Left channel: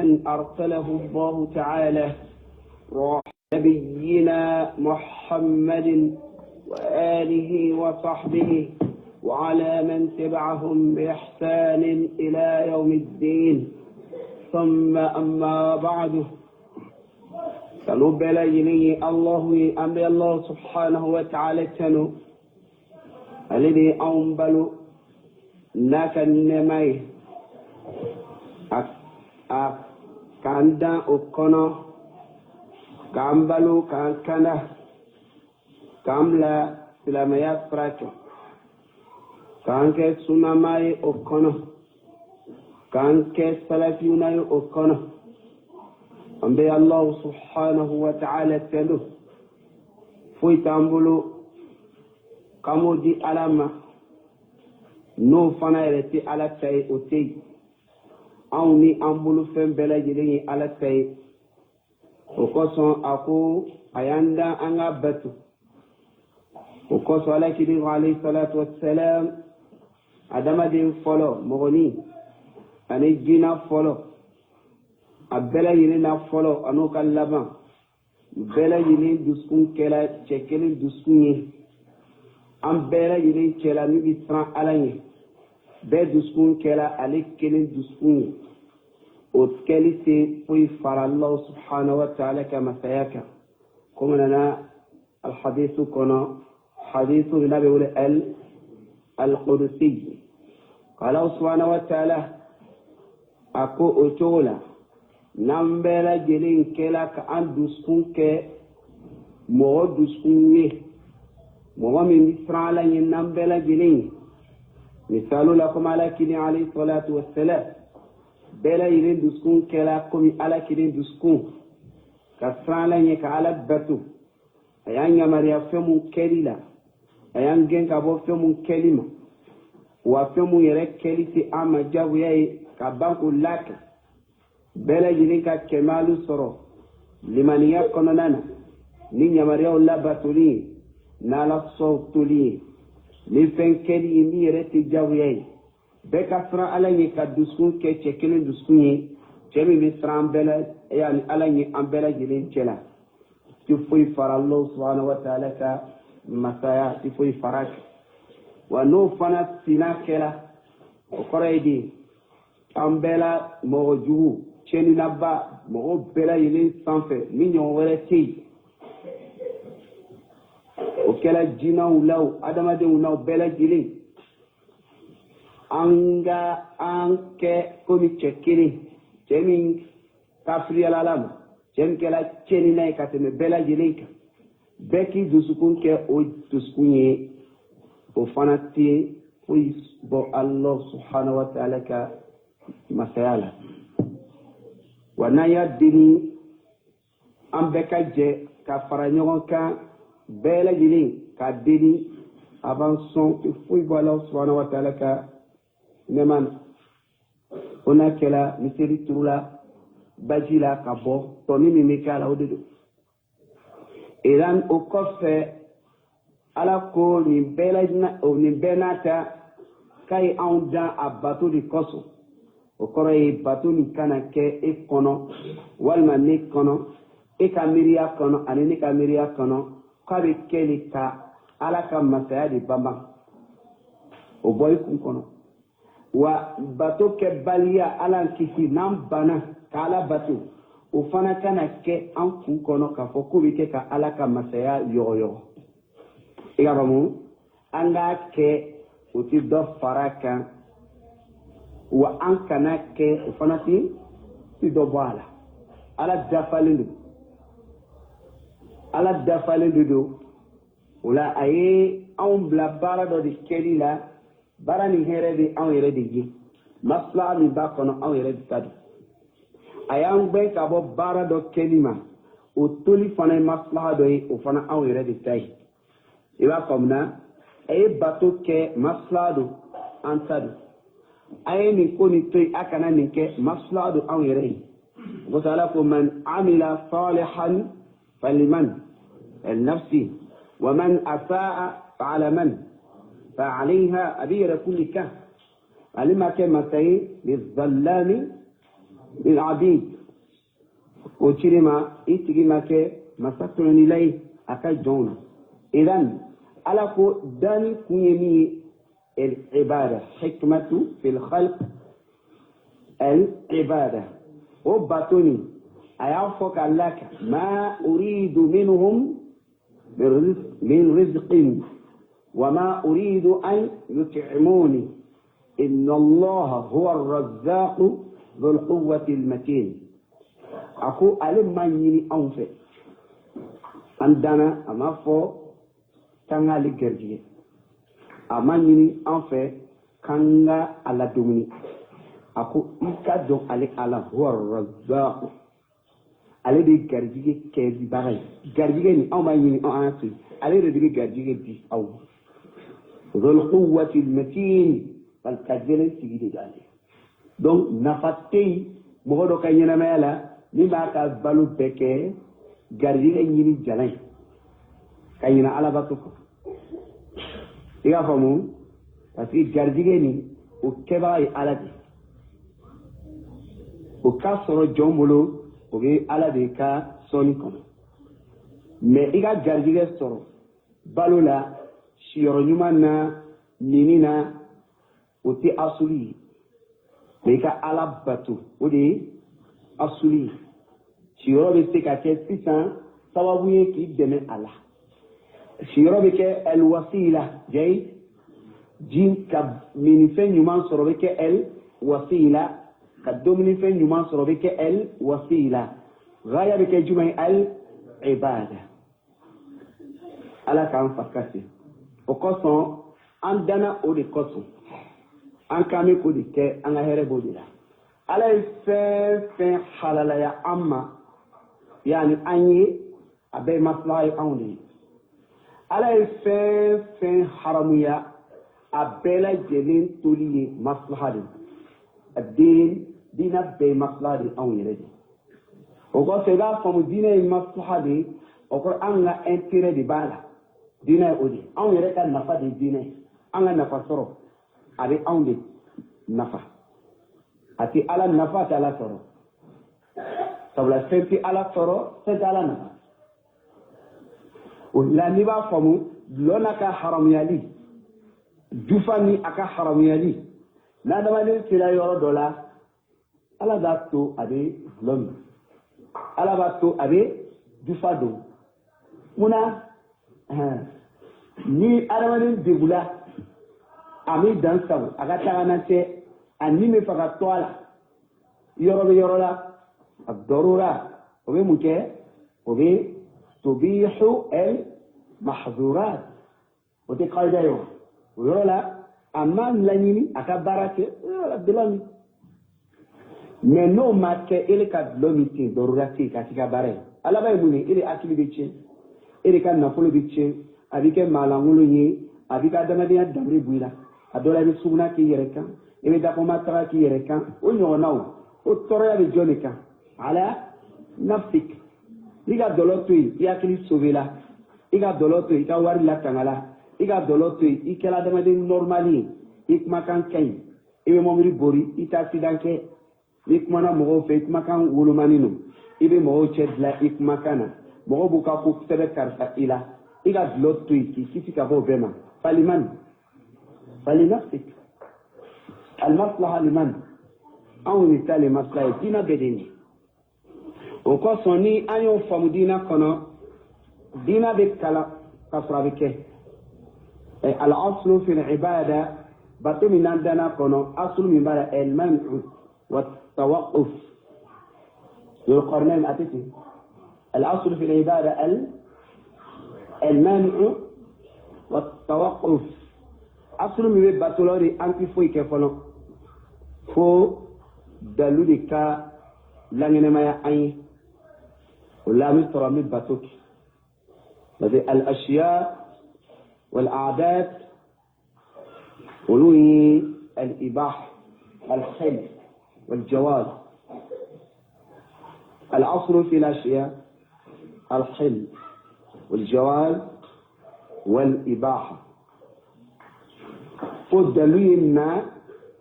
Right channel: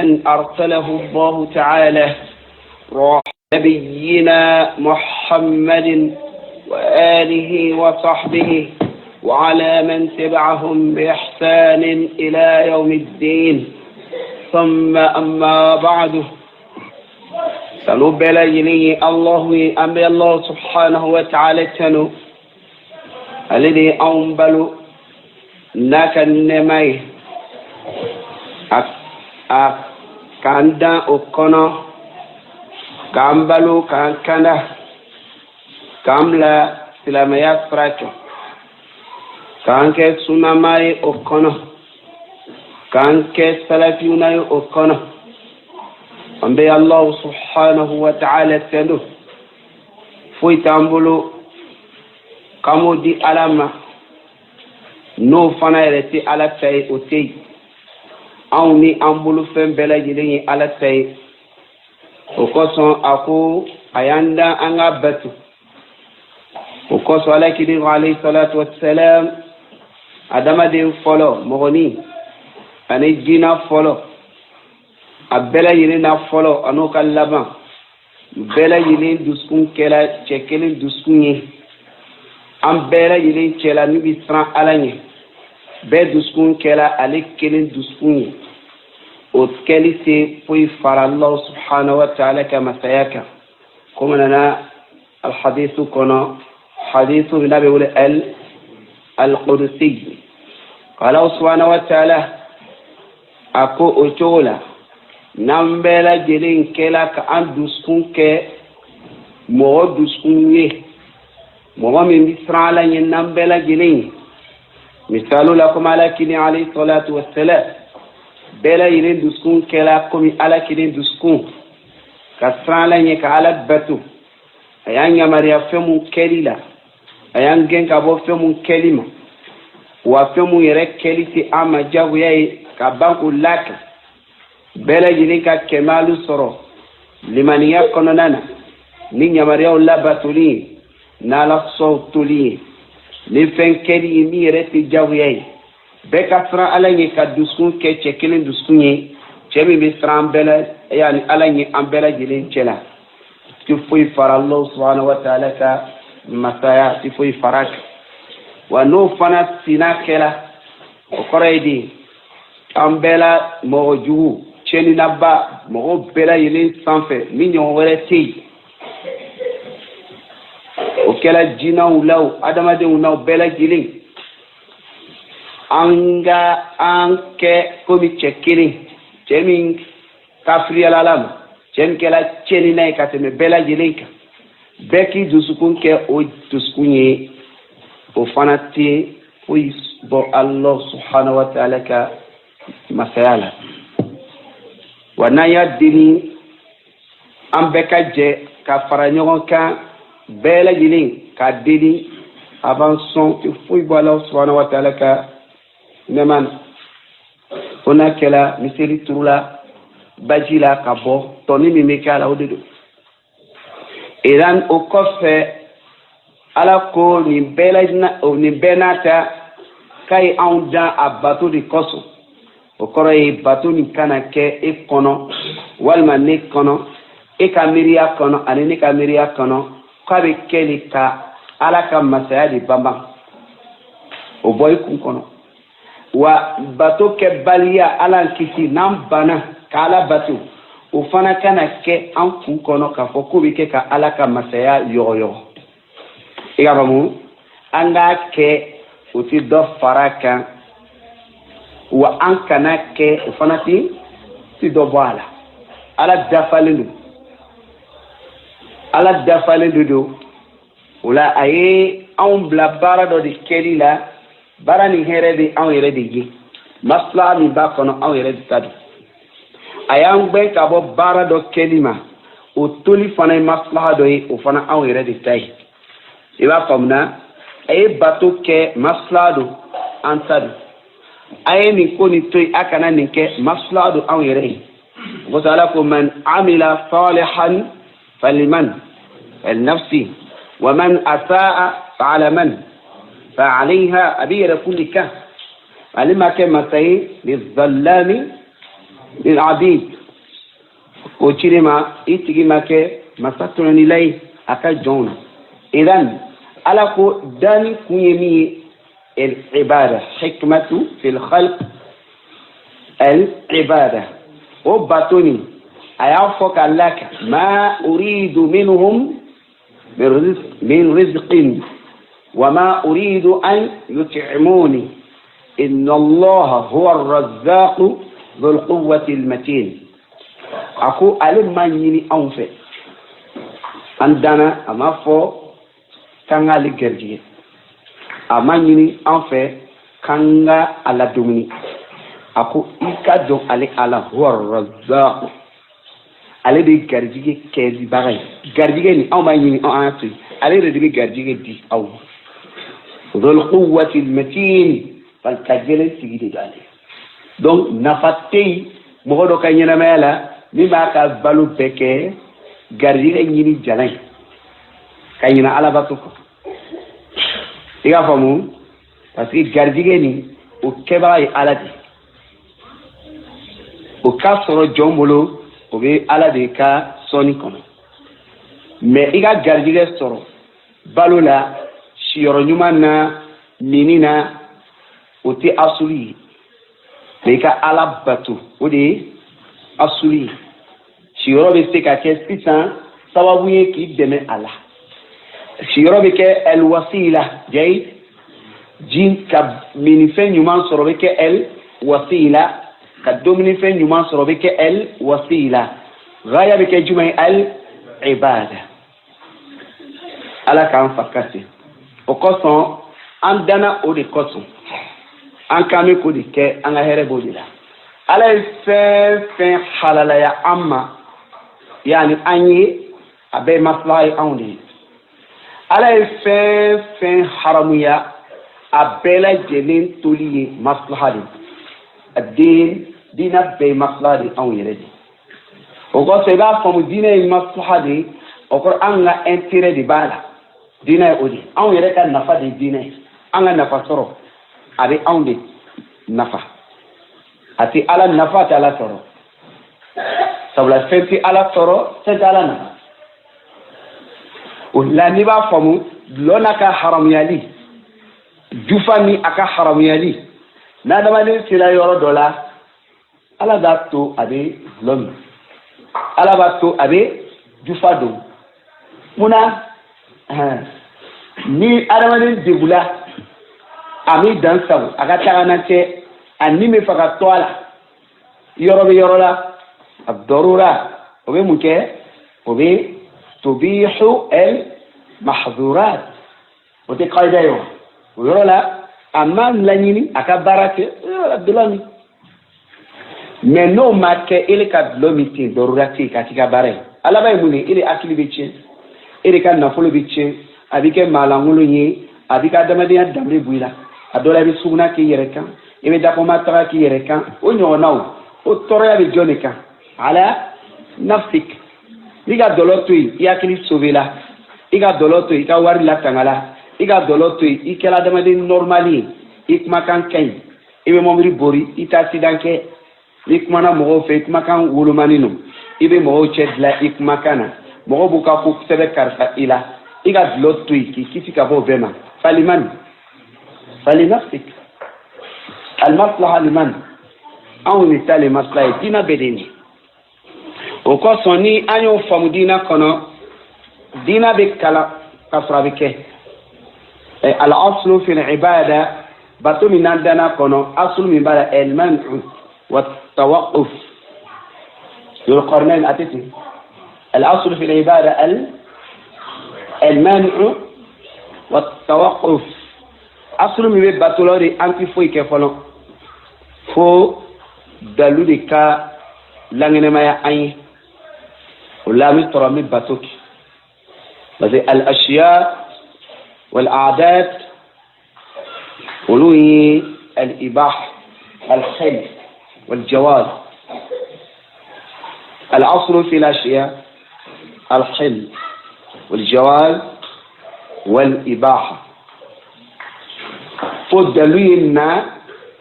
أن أرسله الله تعالى نبينا محمد وآله وصحبه وعلى من تبعهم بإحسان إلى يوم الدين ثم أما بعد سنبل إليه الله أمر الله سبحانه وتعالى تنو الذي أنبل ناك النمي kanda okono kambalu kankanda kamla silamaya fracho kanke sunamai okono kanke salafiunai okono ambe Allah subhanahu wa ta'ala tendo foi tambulu kamodi alama no fana reti ala tay otei awni ambulu fen bela jilin ala tay o koson ako ayanda anga batu o koso ala kidi alayhi salatu wassalam adama de folo mogoni ani jina folo abela jilin na folo anu kallaba bela jilin duskun kela chekelin duskunyi am bela jilin kela ni bisran alanye be duskun kela ale kelin duskun o keli se foi fara Allah subhanahu wa ta'ala kama sayaka kuma lana الحديث كنا حديث النبي القدسي قال سبحانه وتعالى أكو أجولا نمبلا جلين كلا كأن دسكون ك مو دسكون مو من بسرعة نمبلا جلين مثال لكم على كني عليه الصلاة والسلام بلا يرين دسكون كلا كمي على كني دسكون كسران لنيك على بتو أيان يمريا فمو كليلا أيان جن كابو فمو كلمة وفمو يرك كليتي أما جابو ياي كبانكو لك بلا يرين كمالو سرو لمن يكوننا نين يمريا ولا بتولي نالا صوتولي ni fen kedi mi yere ti jawye be kasra alanye ka duskun ke chekelin duskun yi chemi bi sram bela yani alanye ambela jilin chela ti foi fara Allah subhanahu wa ta'ala ka masaya ti foi farak wa no fana sinakela o koredi ambela moju cheni naba mo bela yilin sanfe mi nyon were ti o kela jina ulaw adamade unaw bela jilin anga anke komi chekini chemin kafri alalam chen kela cheni nay kateme bela jilin ka beki dusukun ke o duskunye o fanati o bo Allah subhanahu wa ta'ala ka masayala wanaya dini ambeka je ka faranyon ka bela jilin ka dini avançons il faut voir Allah subhanahu wa ta'ala ka neman ona kela misiri turula bajila ka bo toni mi kala odedo iran o kofe ala ko ni bela na o ni benata kai aunda abato di koso o koro e bato ni kana ke e kono walma ne kono e kamiria kono ani ne kamiria kono kwabe keli ka alaka masaya di bamba o boy kun kono wa bato ke balia ala kiti nam bana kala bato o fana kana ke an kun kono ka fo ko ke ka alaka masaya yoyo igabamu anga ke o ti do faraka wa an kana ke o fana ti do bala ala dafalelu ala dafale dodo wala aye on bla bara do di kelila bara ni here di on yere di gi masla ni ba kono on yere di tadu ayang be ka bo bara do kelima o toli fana masla do yi o fana on yere di tay iba famna aye bato ke masla do antadu aye ni ko ni toy akana ni ke masla do on yere ko sala ko man amila salihan فلمن النفس ومن أساء فعلى من فعليها أبير كل كهف علما كما سي للظلام للعبيد وشرما إتجي مكة مسطرني لي أكجون إذن ألاكو داني كيمي العبادة حكمة في الخلق العبادة وباتوني أيعفك لك ما أريد منهم من رزق وما أريد أن يطعموني إن الله هو الرزاق ذو القوة المتين أكو ألم ما يني أنفع عندنا أما فو كان على جرجية أما يني أنفع كان على دومني أكو إكادو على هو الرزاق ale de garjige kɛdi bagay garjige ni aw ma ɲini aw an to ale de be garjige di aw dhul quwwati al-matin fal kajele sigi de gale donc nafatei mogo do ka ɲɛnamaya la min b'a ka balo bɛɛ kɛ garjige ɲini jalan ka ɲina alabato kɔ i k'a faamu parce que garjige ni o kɛbaga ye ala de o ka sɔrɔ jɔn bolo o bɛ ala de ka sɔnni kɔnɔ mais i ka garijɛgɛ sɔrɔ balo la siyɔrɔ ɲuman na nini na o tɛ asuli ye mais i ka ala bato o de ye asuli ye siyɔrɔ bɛ se ka kɛ sisan sababu ye k'i dɛmɛ a la siyɔrɔ bɛ kɛ ɛlwasila jayi ji ka minifɛn ɲuman sɔrɔ bɛ kɛ ɛlwasila ka dominifɛn ɲuman sɔrɔ bɛ kɛ ɛlwasila gaya bɛ kɛ jumɛn ɛl-ibada ala k'an fa kasi o kosɔn an danna o de kosɔn an kan bɛ k'o de kɛ an ka hɛrɛ b'o de la ala ye fɛn fɛn halalaya an ma yani an ye a bɛɛ maslaha ye anw de ye ala ye fɛn fɛn haramuya a bɛɛ lajɛlen toli ye maslaha de a den dina bɛɛ ye maslaha de anw yɛrɛ de o kosɔn i b'a faamu diinɛ ye maslaha de o kɔrɔ an ka intérêt de b'a la diinɛ ye o de anw yɛrɛ ka nafa de ye diinɛ ye an ka nafa sɔrɔ a bɛ anw de nafa a tɛ ala nafa a tɛ ala sɔrɔ sabula fɛn tɛ ala sɔrɔ fɛn tɛ ala nafa o la n'i b'a faamu dulɔ n'a ka haramuyali jufa ni a ka haramuyali n'adamaden sera yɔrɔ dɔ la ala b'a to a bɛ dulɔ min ala b'a to a bɛ jufa don munna ni adamaden degula a mi dan sago a ka tagana cɛ a ni bɛ fɛ ka to a la yɔrɔ bɛ yɔrɔ la a dɔrɔra o bɛ mun kɛ o bɛ tubihu al-mahdhurat o tɛ kaida ye o yɔrɔ la a ma laɲini a ka baara kɛ dulɔ min mais n'o ma kɛ ele ka dulɔ min ten dɔrɔra ten ka k'i ka baara ye ala b'a ye mun ye ele hakili bɛ tiɲɛ e de ka nafolo bɛ tiɲɛ a bɛ kɛ maalankolon ye a bɛ ka adamadenya danbe bɔ i la a dɔ la i bɛ suguna k'i yɛrɛ kan i bɛ dakɔma taga k'i yɛrɛ kan o ɲɔgɔnnaw o tɔɔrɔya bɛ jɔn de kan ala nafsik n'i ka dɔlɔ to yen i hakili sauvé la i ka dɔlɔ to yen i ka wari latanga la i ka dɔlɔ to yen i kɛra adamaden normal ye i kumakan ka ɲi i bɛ mɔbili bori i t'a accident kɛ n'i kumana mɔgɔw fɛ i kumakan wolomani no i bɛ mɔgɔw cɛ dilan i kumakan na mɔgɔw b'u ka ko sɛbɛ karisa i la i ka dulɔ to yen k'i kisi ka bɔ o bɛɛ ma falimani falinafsik almaslaha liman anw de ta le maslaha ye diinɛ bɛɛ de nin o kosɔn ni an y'o faamu diinɛ kɔnɔ diinɛ bɛ kalan ka sɔrɔ a bɛ kɛ al-aslu fi al-ibada bato min n'an danna kɔnɔ aslu min b'a la al-man'u wa tawaqquf Dhul-Qarnayn atete al-aslu fi al-ibada al-man'u wa tawaqquf aslu min bɛ bato la de an ti foyi kɛ fɔlɔ fo dalu de ka laŋɛnɛmaya an ye o la an bɛ sɔrɔ an bɛ bato kɛ parce que al-ashiya wal-a'dat olu ye al-ibaha al-khayl wal-jawaz al-aslu fi al-ashiya al-khayl wal-jawaz wal-ibaha fo dalu ye na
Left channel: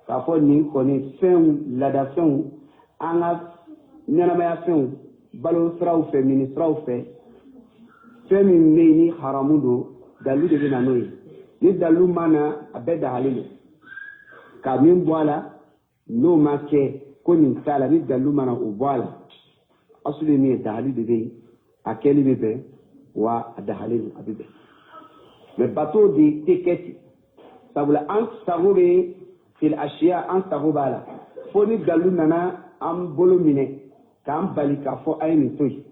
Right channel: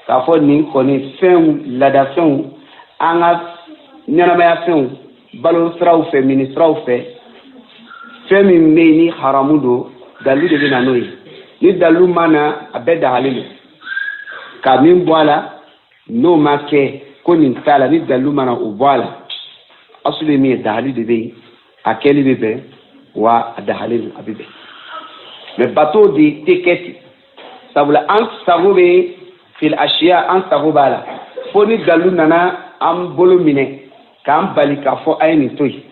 k'a fɔ nin kɔni fɛnw ladafɛnw an ka ɲɛnamaya fɛnw balo siraw fɛ mini siraw fɛ fɛn min bɛ yen ni haramu don dalilu de bɛ na n'o ye ni dalilu ma na a bɛɛ dagalen don ka min bɔ a la n'o ma kɛ ko nin t'a la ni dalilu ma na o bɔ a la asulu ye min ye dagali de bɛ yen a kɛli bɛ bɛn wa a dagalen don a bɛ bɛn mais bateau de tɛ kɛ ten sabula an sago bɛ fil asiya an sago b'a la fo ni dalilu nana an bolo minɛ k'an bali k'a fɔ a ye nin to yen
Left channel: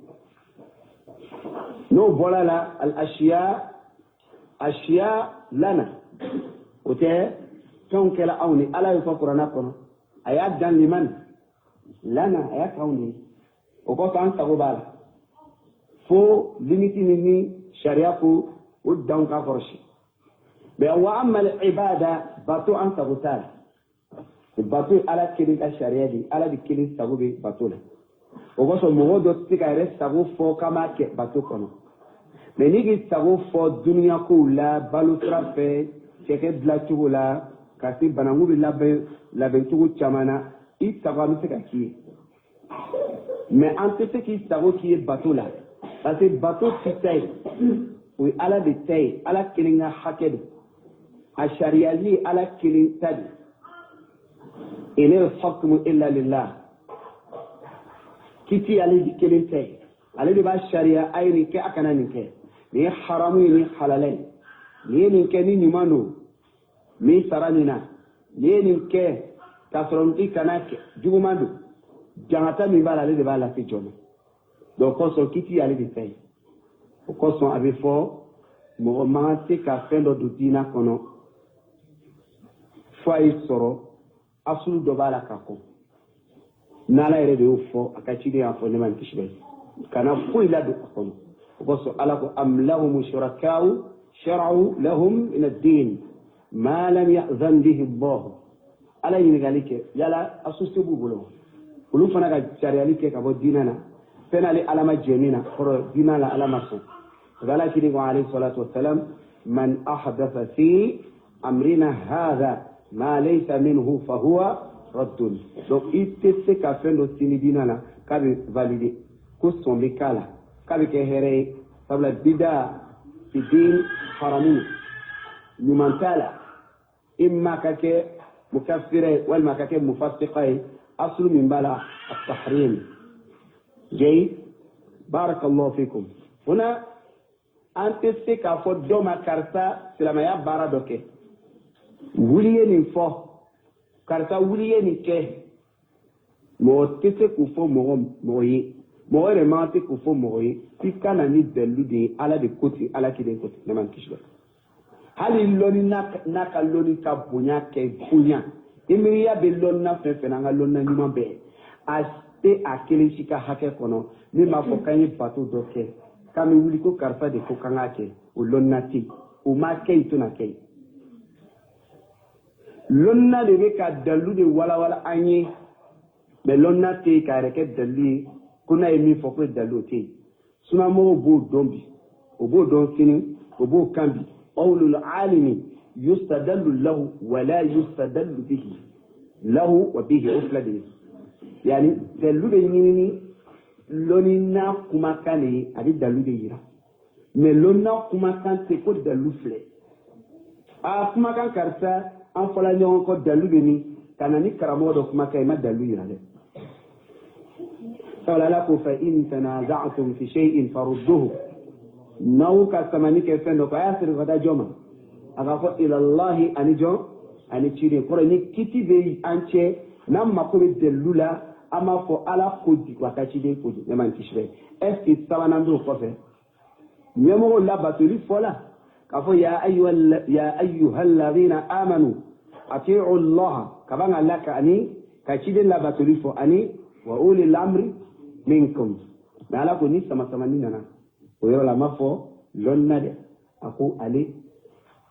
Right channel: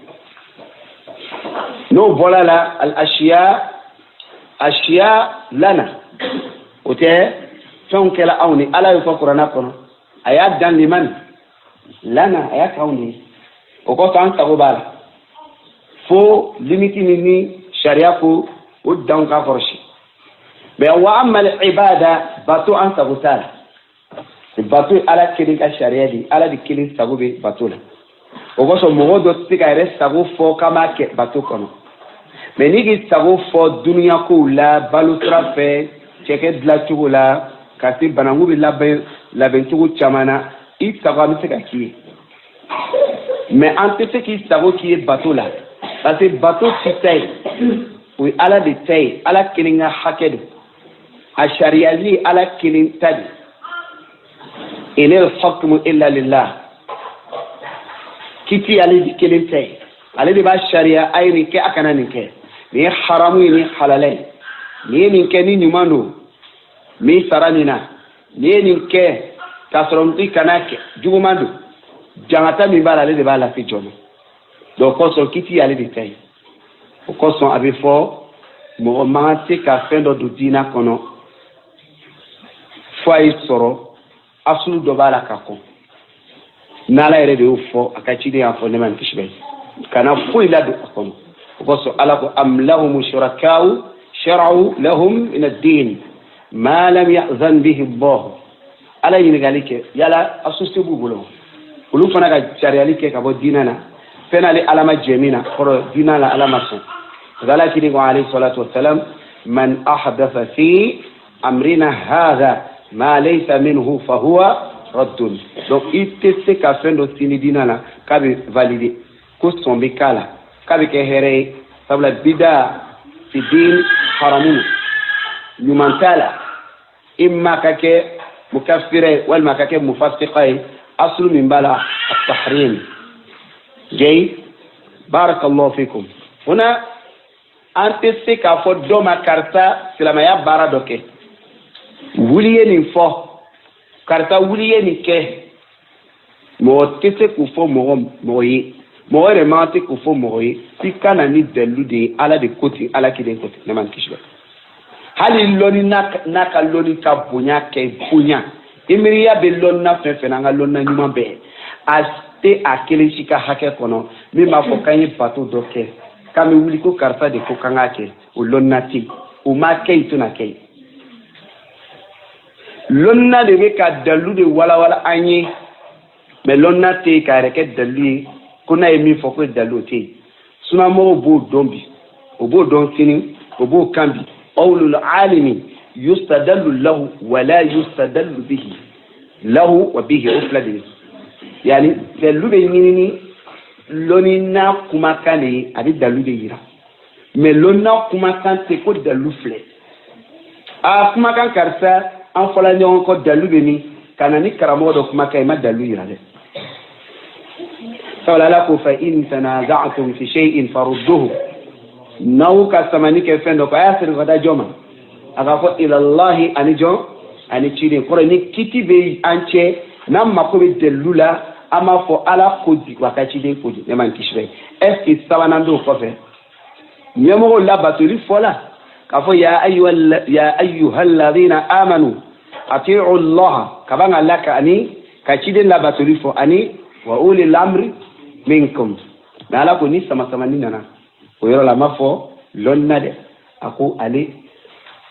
n'o bɔra la al asiya lana o tɛ fɛnw kɛla anw ni ala y'o fɔ kuranɛ kɔnɔ a y'a dan limani lana a y'a k'anw de ye o kɔfɛ an sago b'a la fo limiti ni sariya ko o danw k'a kɔrɔsi mais wa amal ibada bato an sago t'a la bato ala kelen ka sariya de ala de kelen sago bɛ bato la o kosɔn mɔgɔ dɔ tɛ se ka yɛrɛ sago fɔ k'a m'a kɛ bato kɔnɔ mais n'i k'i sago fɔ duniya kow la balo sira fɛ cɛkɛ dilan cogo la ka se bananku bɛ labɛn cogo caman na i sago an bɛ se ka k'i ye mais an tɛ se k'i sago k'i ye bato la parce que bato ti ta ye o ye ala de ta ye ala kelen ka hakɛ don a sariyali ala kelen ta de inal hukmu illa lillah kiti ale de kelen ta ye ale de b'a sariya a ye nin kɛ a kana nin kɛ nin ye haramu ye nin halala ye nin ye nin kɛ ni ɲuman don min sara nin na nin ye nin kɛ k'a sɔrɔ i kana kɛ juguman don jangata min b'a la ale de b'a lase jɔn ma donc o kosɔn kiti ale de ta ye o kosɔn a bɛ fɔ mɔgɔ man kan tɛ ka fɛn dɔ don diinɛ kɔnɔ fo a ye sɔrɔ asulu dɔ b'a la ka kɔn n'ala yɛrɛ de y'o fɔ a ka ciden y'a fɔ ne ma nin kisi bɛ kana foyi ladon a kɔnɔ o kosɔn ala ko am lahum shuraka'u shara'u lahum min ad-din ma lam ya'zan bihi Allah ala ɲininkali kɛ yala associé b'u bolo olu fana ka sariyali kɛ ka bɔ diinɛ na fɛn ale ala ma jɛ min na kɔrɔ diinɛ la ala ma sɔn ala kiri ko alayhi salatu wassalam man ahdatha fi amrina hadha ma laysa minhu fa huwa raddun donc i tɛ se ka fɛn dɔ sini diinɛ la k'a bɛ valider ko sɔn bɛ k'a la k'a bɛ kɛ hɛrɛ ye sabula bida fi din haramun ɲuman t'a la imma ka kɛ mukaffira ye walima ka kɛ mufassiqa ye aslu min b'a la at-tahrim jay barakallahu fikum huna an tɛ se k'a fɔ dɔ ma karisa silamɛya baara dɔ kɛ wuli ye nin fɔ karisa wuli ye nin kɛ mɔgɔ tɛ se k'o fɔ mɔgɔ ye mɔgɔ yɛrɛ man tɛ k'o fɔ mɔgɔ ye f'i ka na ni dalilu de ye ala de ko ten ala kelen ko ten ne ma kisi hali lɔnni n'a ka lɔnni ka bonya kɛ bonya i miiriya bɛ lɔnni na fɛn fɛn na an ka lɔnni na ɲuman bɛɛ a tɛ a kelen si ka hakɛ kɔnɔ min b'a fɔ k'an ye bato dɔ kɛ k'an bɛ wuli ko karisa de ko k'an k'a kɛ o lɔnni na ten o ma kɛ yen tɛna kɛ yen lɔnni na de bɛ ka dalilu de walawala an ye mais lɔnni na tɛ yen k'a yɛrɛ kɛ dalilu ye ko n'a ye min fɔ ko dalilu tɛ yen sunamɔgɔw b'o dɔn bi o b'o dɔn sini o b'o kan bi qawlul alimi yustadallu lahu wala yustadallu bihi lahu wa bihi o fila de ye yani dalilu bɛ ɲini ni lɔnni na kumakan de ye a bɛ dalilu de yira mais lɔnni na kumakan tɛ ko dalilu filɛ a kumakan karisa an fɔla ɲɔgɔn kɔ dalilu bɛ min ka na ni karamɔgɔ dɔ kumakan ye ma dalilu yira dɛ sabula ala ko fa in tanaza'tum fi shay'in farudduhu n'aw ka samani kɛ fɛn dɔ ko a y'a siri ka da jɔn ma a ka fɔ ilallahi ani jɔn ani ciden kɔrɔ ni kiti bɛ an cɛ n'an mako bɛ dalilu la an b'a fɔ ala ko di wa ka ciden ko di ne ma kisi bɛ est ce que sabanan dɔw kɔfɛ ɲɛmɔgɔw labatoli fɔla k'a fɔ ya ayyuhal ladhina amanu ati'u allaha ka ban ka la ka ani ka ciden labatoli fɔ ani wa ulil amri minkum mais ala ko ni sama ni nana o yɔrɔ la a ma fɔ lɔnni na dɛ a ko ale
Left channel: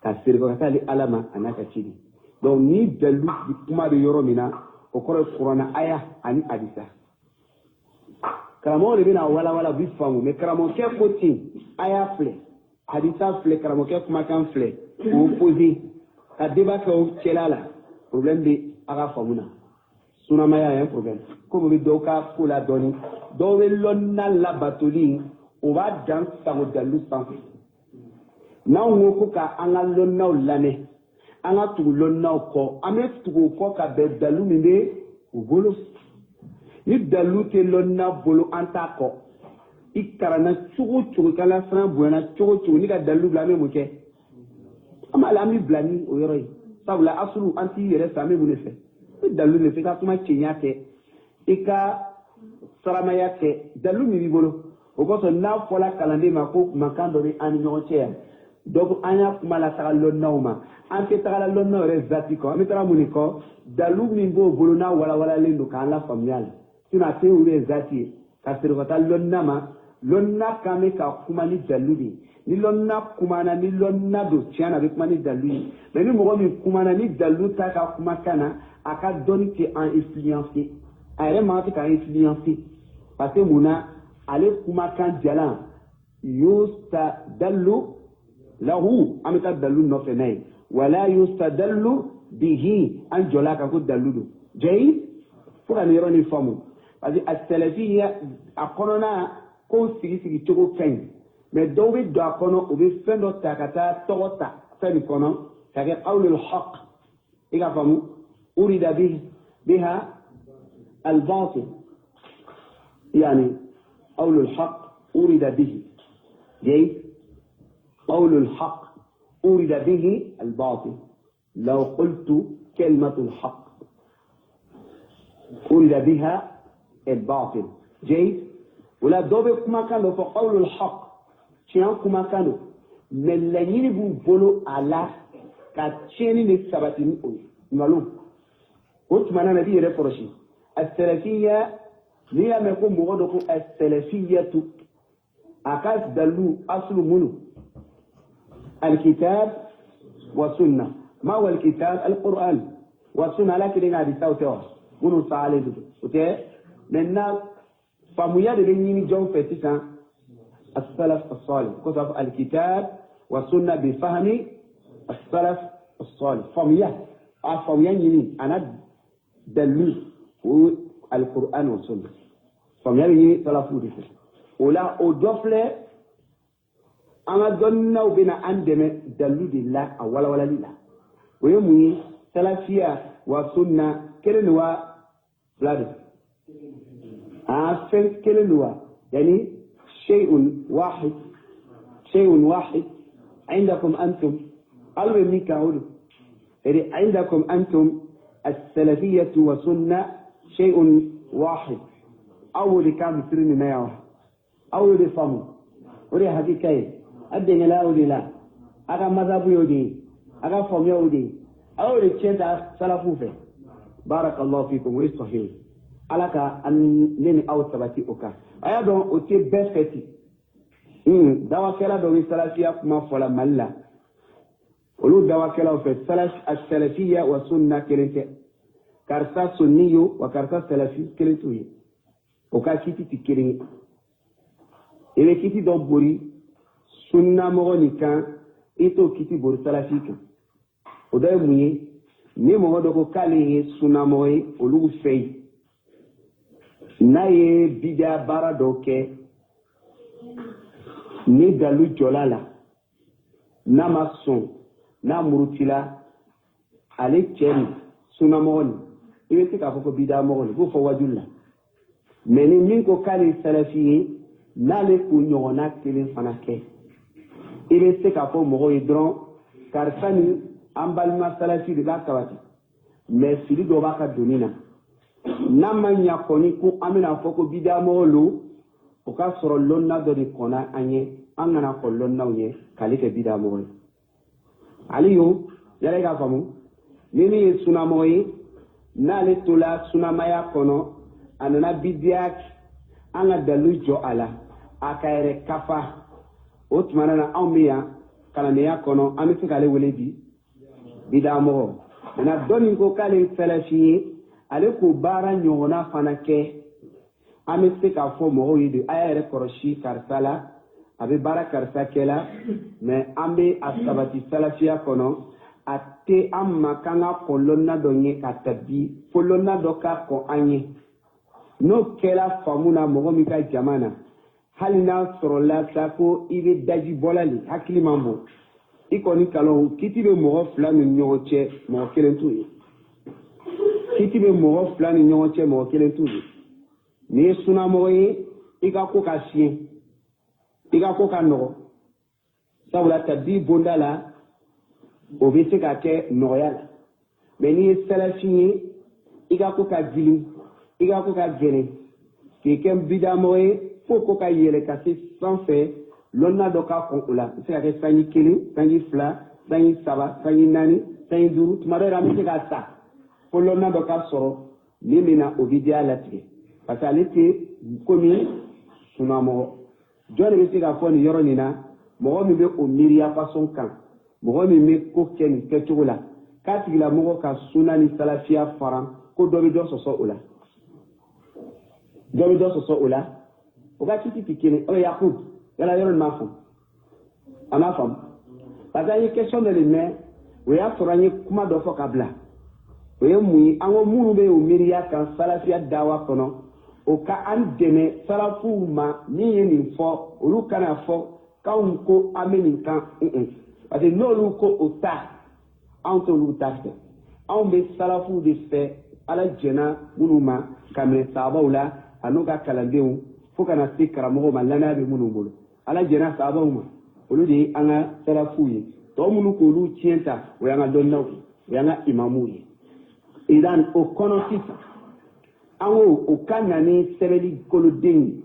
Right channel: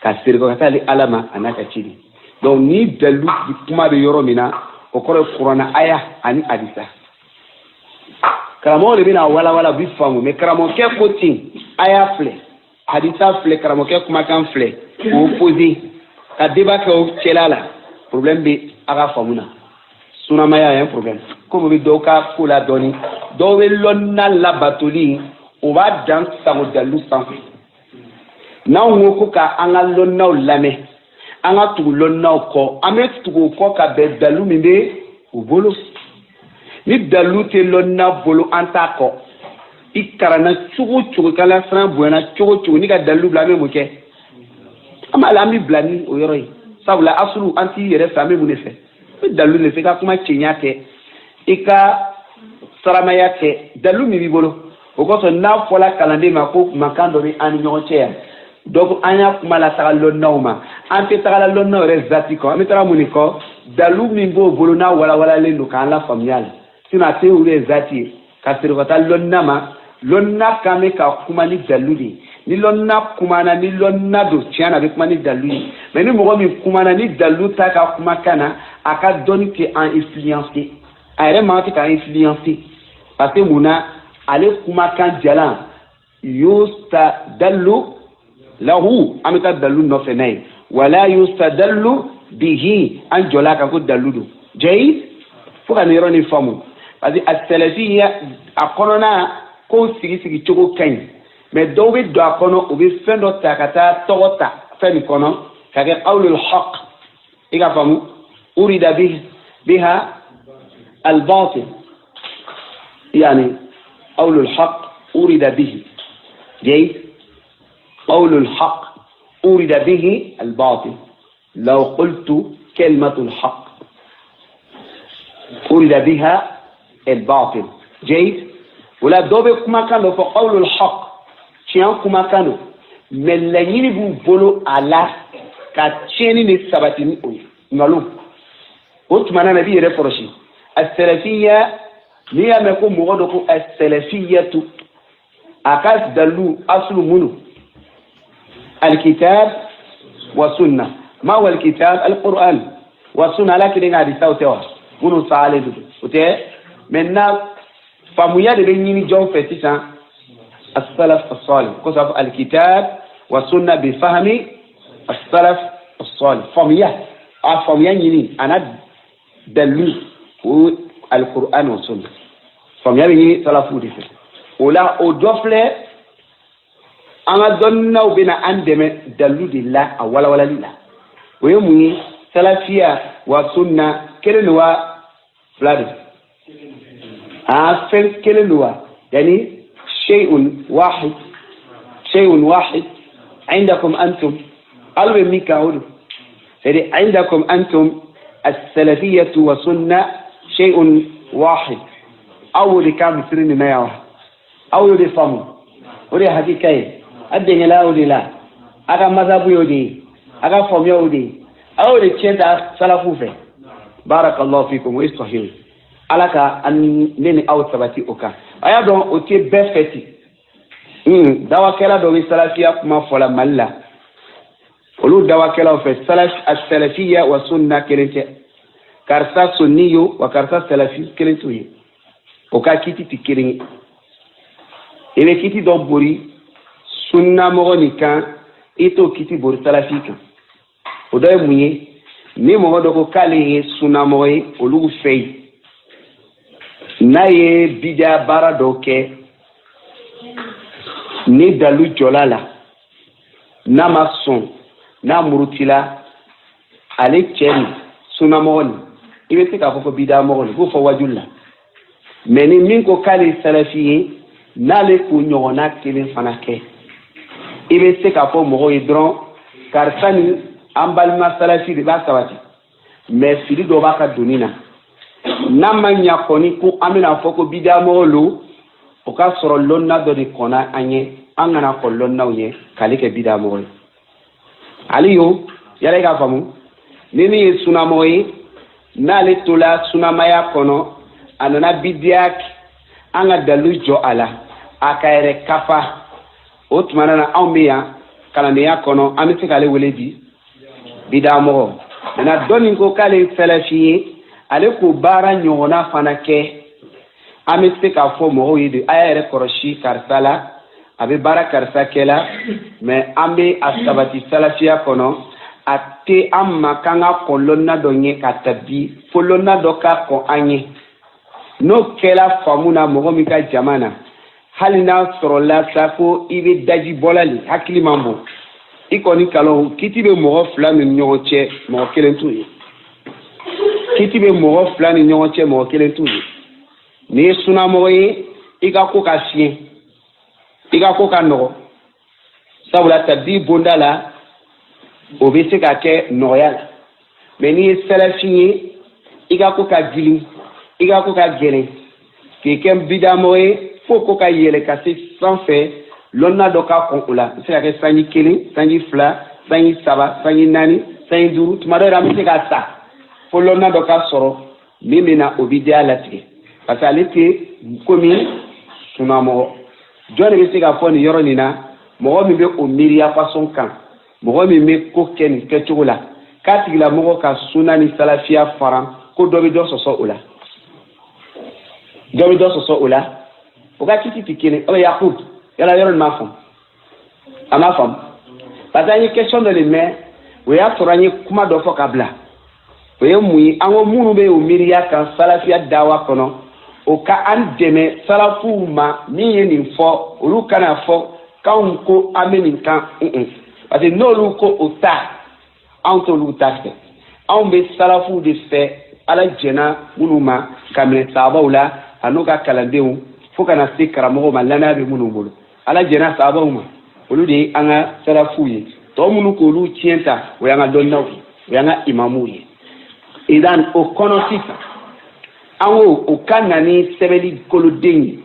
ka sirikɔ ka taa ale ala ma a n'a ka ciden donc ni dalilu kuma bɛ yɔrɔ min na o kɔrɔ ye kuranna aya ani hadisa karamɔgɔ de bɛna walawala u bɛ faamu mais karamɔgɔkɛ ko ten aya filɛ hadisa filɛ karamɔgɔkɛ kumakan filɛ k'o poser ka débat kɛ o cɛla la problème bɛ a ka faamu na sunamaya ye problème comme be do ka kula doni do we lonna la batuli o ba dan sango dalu sanfi na wo ko ka anga lonna lame anga tu lonna ko ame tu ko ka be dalu minde o bolo ni dalu te lonna bolo anta ko ikarana chugo kala fran buena chugo ni ka dalu blame mo ke ama la mi blani o yoro yi sabula asulu anti yere fami mu ne fe dalu ne fe ka kuma chenya ke ika saramaya ke dalu mi bolo o ko so na fola kalande ma ko makando ni an nyoche ya donc anya kuma la sala lonnoma ante sala lonno rezati ko mi tara muni ko dalu mi bo bolo na wala le no kan la familial sina te u rezati ka sirvata lonnama lonna kame ka kuma ni daludi ni lonna kuma na ni lonna do tiana be kuma ni daludi mais ni mo mi kuma na ni daluta ka kuma kana aka doni ke en influencer ayre ma ka influencer parce que muna ale kuma kan jalan yusta dallu lahu amita dallu no fenay wala yustadallu bihi an jola ka ko daludu jay fo kan yoro ni famu parce que as-salafiyya akonona ko sigi chogo kan mais do be do akono o be fendo takata togota feni kono kage qawlul haqq iga famu urida biha al-batil يعني قول الحق أريد به جيد قول الحق أريد به الباطل لو قلت كلمة الحق أريد بها الباطل جيد ولا دوبي كما كانوا فقول الحق شيئا كما كانوا من لنين بولو على كاتشيني نسبتني نلوم وتمنى نبي رفرشي السلفية niya me ko mo do ko as-salafiyatu akas dalu aslu munu al-kitab wa sunnah ma huwa al-kitab al-quran wa sunnah lakin ngadi sawtewa munu salidu ote maintenant famuya de nyini jon fetisa as-salaf as-salih ko sa al-kitab wa sunnah bi fahmi as-salaf as-salih famuya nyini ana dalu al-quran wa sunnah famia bi salafu di fe ola o dofle anga donna ubina andeme daludi la wala lila we mu salafia wa sunna kelenwa fladi fen kelenwa yani shay'un wahid عندكم انتم قالوا ميكاود يعني عندكم انتم السلفيه والسنه شيء واحد أول كام سرني ما يوه أول دي فمو ودي حقيقة أدنى لا ودي لا أكا مذهب يودي أكا فم يودي أول تشينتا سلفوفه بارك الله فيكم وإستحيل ألاك أن نني أو ثبتي أوكا أيا دون أوتي بفتي دوا كلا دوي سلفية كما فلا ملا ولو دوا كلا في السلفية والسنة كرنتي كارسا سنيو وكارسا سلفي كرنتوي oka kiti tikiring ebe kiti do bori sunna mo ni kan ito kiti bori salafika odo muye ni mo do ko kale sunna mo e olugu fei na ye bidia bara do ke ni dalu jolala na mason na murutila ale chen sunna mo ni ibe tika ko bidia mo ni ko fo wajulla mais ni min ko kale salafiye nale ko nyona kelen fana ke ibe se ka fo mo idron karsani ambalma salafi de ba sabati mais fili do ba ka dunina namanya koni ko amina fo ko bidamo lo o ka soro lonna do de kona anye angana ko lonna uye kale ke bidamo aliyo yale ka famu nini sunamoyi nale tola sunamaya kono anana bidiak anga dalu jo ala akaire kafa otmana na awmiya kalaniya kono amiti kale weledi bidamo na doni ko kale salafi ale ko bara nyona fanake amiti ka fo mo yidi ayere koroshi karsala abe bara karsa kela me ambe asabati salafiya kono ate amma kanga kolonna donye katabi folonna doka ko anye n'o kɛla faamu na mɔgɔ min ka jama na hali n'a sɔrɔla sa ko i bɛ daji bɔla le hakili man bon i kɔni kalon kiti bɛ mɔgɔ fila ni ɲɔgɔn cɛ mɔgɔ kelen t'u ye kiti bɛ mɔgɔ fila ni ɲɔgɔn cɛ mɔgɔ kelen t'u ye n'i ye sunnamɔgɔ ye i ka ko ka fiɲɛ i ka ko ka nɔgɔ sabula tabi bonda la o bɛ se ka kɛ nɔgɔya la mais n'i ye salafi ye i ka ko ka gili i ka ko ka gɛlɛn k'i kɛ bidamɔgɔ ye fo ko ka yɛlɛ ka se sanfɛ lɔnna dɔ ka kɔn o la a bɛ se ka kɛ sanji 1 sanji 2 sanji 3 sanji 4 sanji 5 tuma dɔ la an bɛ se ka sa fo lɔnna dɔ ka sɔrɔ min bɛ na o bɛ diya latigɛ parce que ale tɛ komi sunnamɔgɔ jɔn de bɛ se ka fɔ nin yɔrɔ nin na mɔgɔ min bɛ o miiriya façon kan mɔgɔ min bɛ ko kɛ nin kɛcogo la k'a tigilamɔgɔ ka sunna ni salafiya fara ko dɔ bɛ dɔ sɔsɔ o la dɔ bɛ dɔ sɔsɔ o la o ka kiti tɛ kelen o Yakub yala yɔrɔ nin ma faamu a ma faamu parce que an ye question dɔ de mɛn o y'a sɔrɔ an ye kuma dɔ fɔ ka bila o ye mun ye an ko minnu bɛ o miiriya kan salafiya dawa kɔnɔ o ka an dɛmɛ salafuw ma min ye nin fɔ olu kana fɔ k'anw ko an bɛ nin kan parce que n'olu ko o ta anw t'olu ta fɛ anw bɛ salafuw de fɛ ala jɛna minnu ma ka minɛ sahabaw la a n'u ka kalandenw fo kana se karamɔgɔw ma lanaya bɛ minnu bolo ala jɛna sahabaw ma olu de ye an ka salafuw ye tɔ minnu k'olu tiɲɛ ta o y'an ka dɔnniyaw ye o y'an ka imamuw ye idan o kɔnɔ sisan an ko o ka na ni sɛbɛnni koloden ye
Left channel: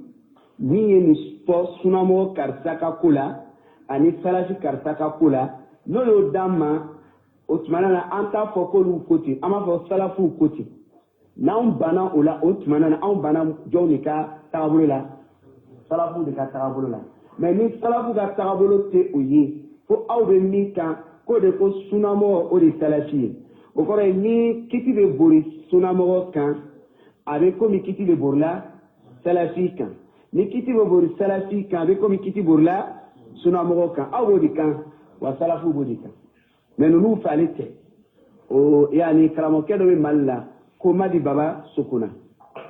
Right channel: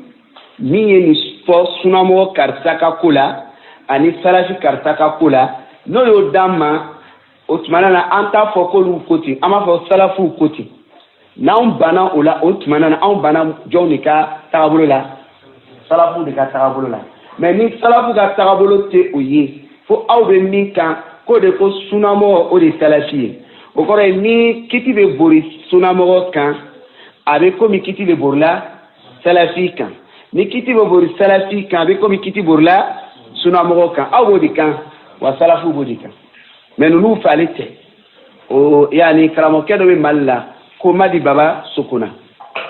min ye nin fɔ sunnamɔgɔ karisa ka ko la ani salafi karisa ka ko la n'o y'o d'an ma o tuma na an t'a fɔ k'olu ko ten an b'a fɔ salafuw ko ten n'anw banna o la o tuma na anw banna jɔnw de ka tagabolo la salafuw de ka tagabolo la mais ni salafu ka tagabolo tɛ o ye fo aw bɛ min kan k'o de ko sunnamɔgɔ o de ye salafi ye o kɔrɔ ye ni kiti bɛ bori sunnamɔgɔ kan a bɛ komi kiti bɛ borila salafi kan ni kiti bɛ bori salafi kan a bɛ komi kiti borila sunnamɔgɔ kan aw b'o de kan wa salafu b'o de kan mais ninnu fɛ ale tɛ o yani karamɔgɔkɛ dɔ bɛ Mali la ko Madi Baba Sokona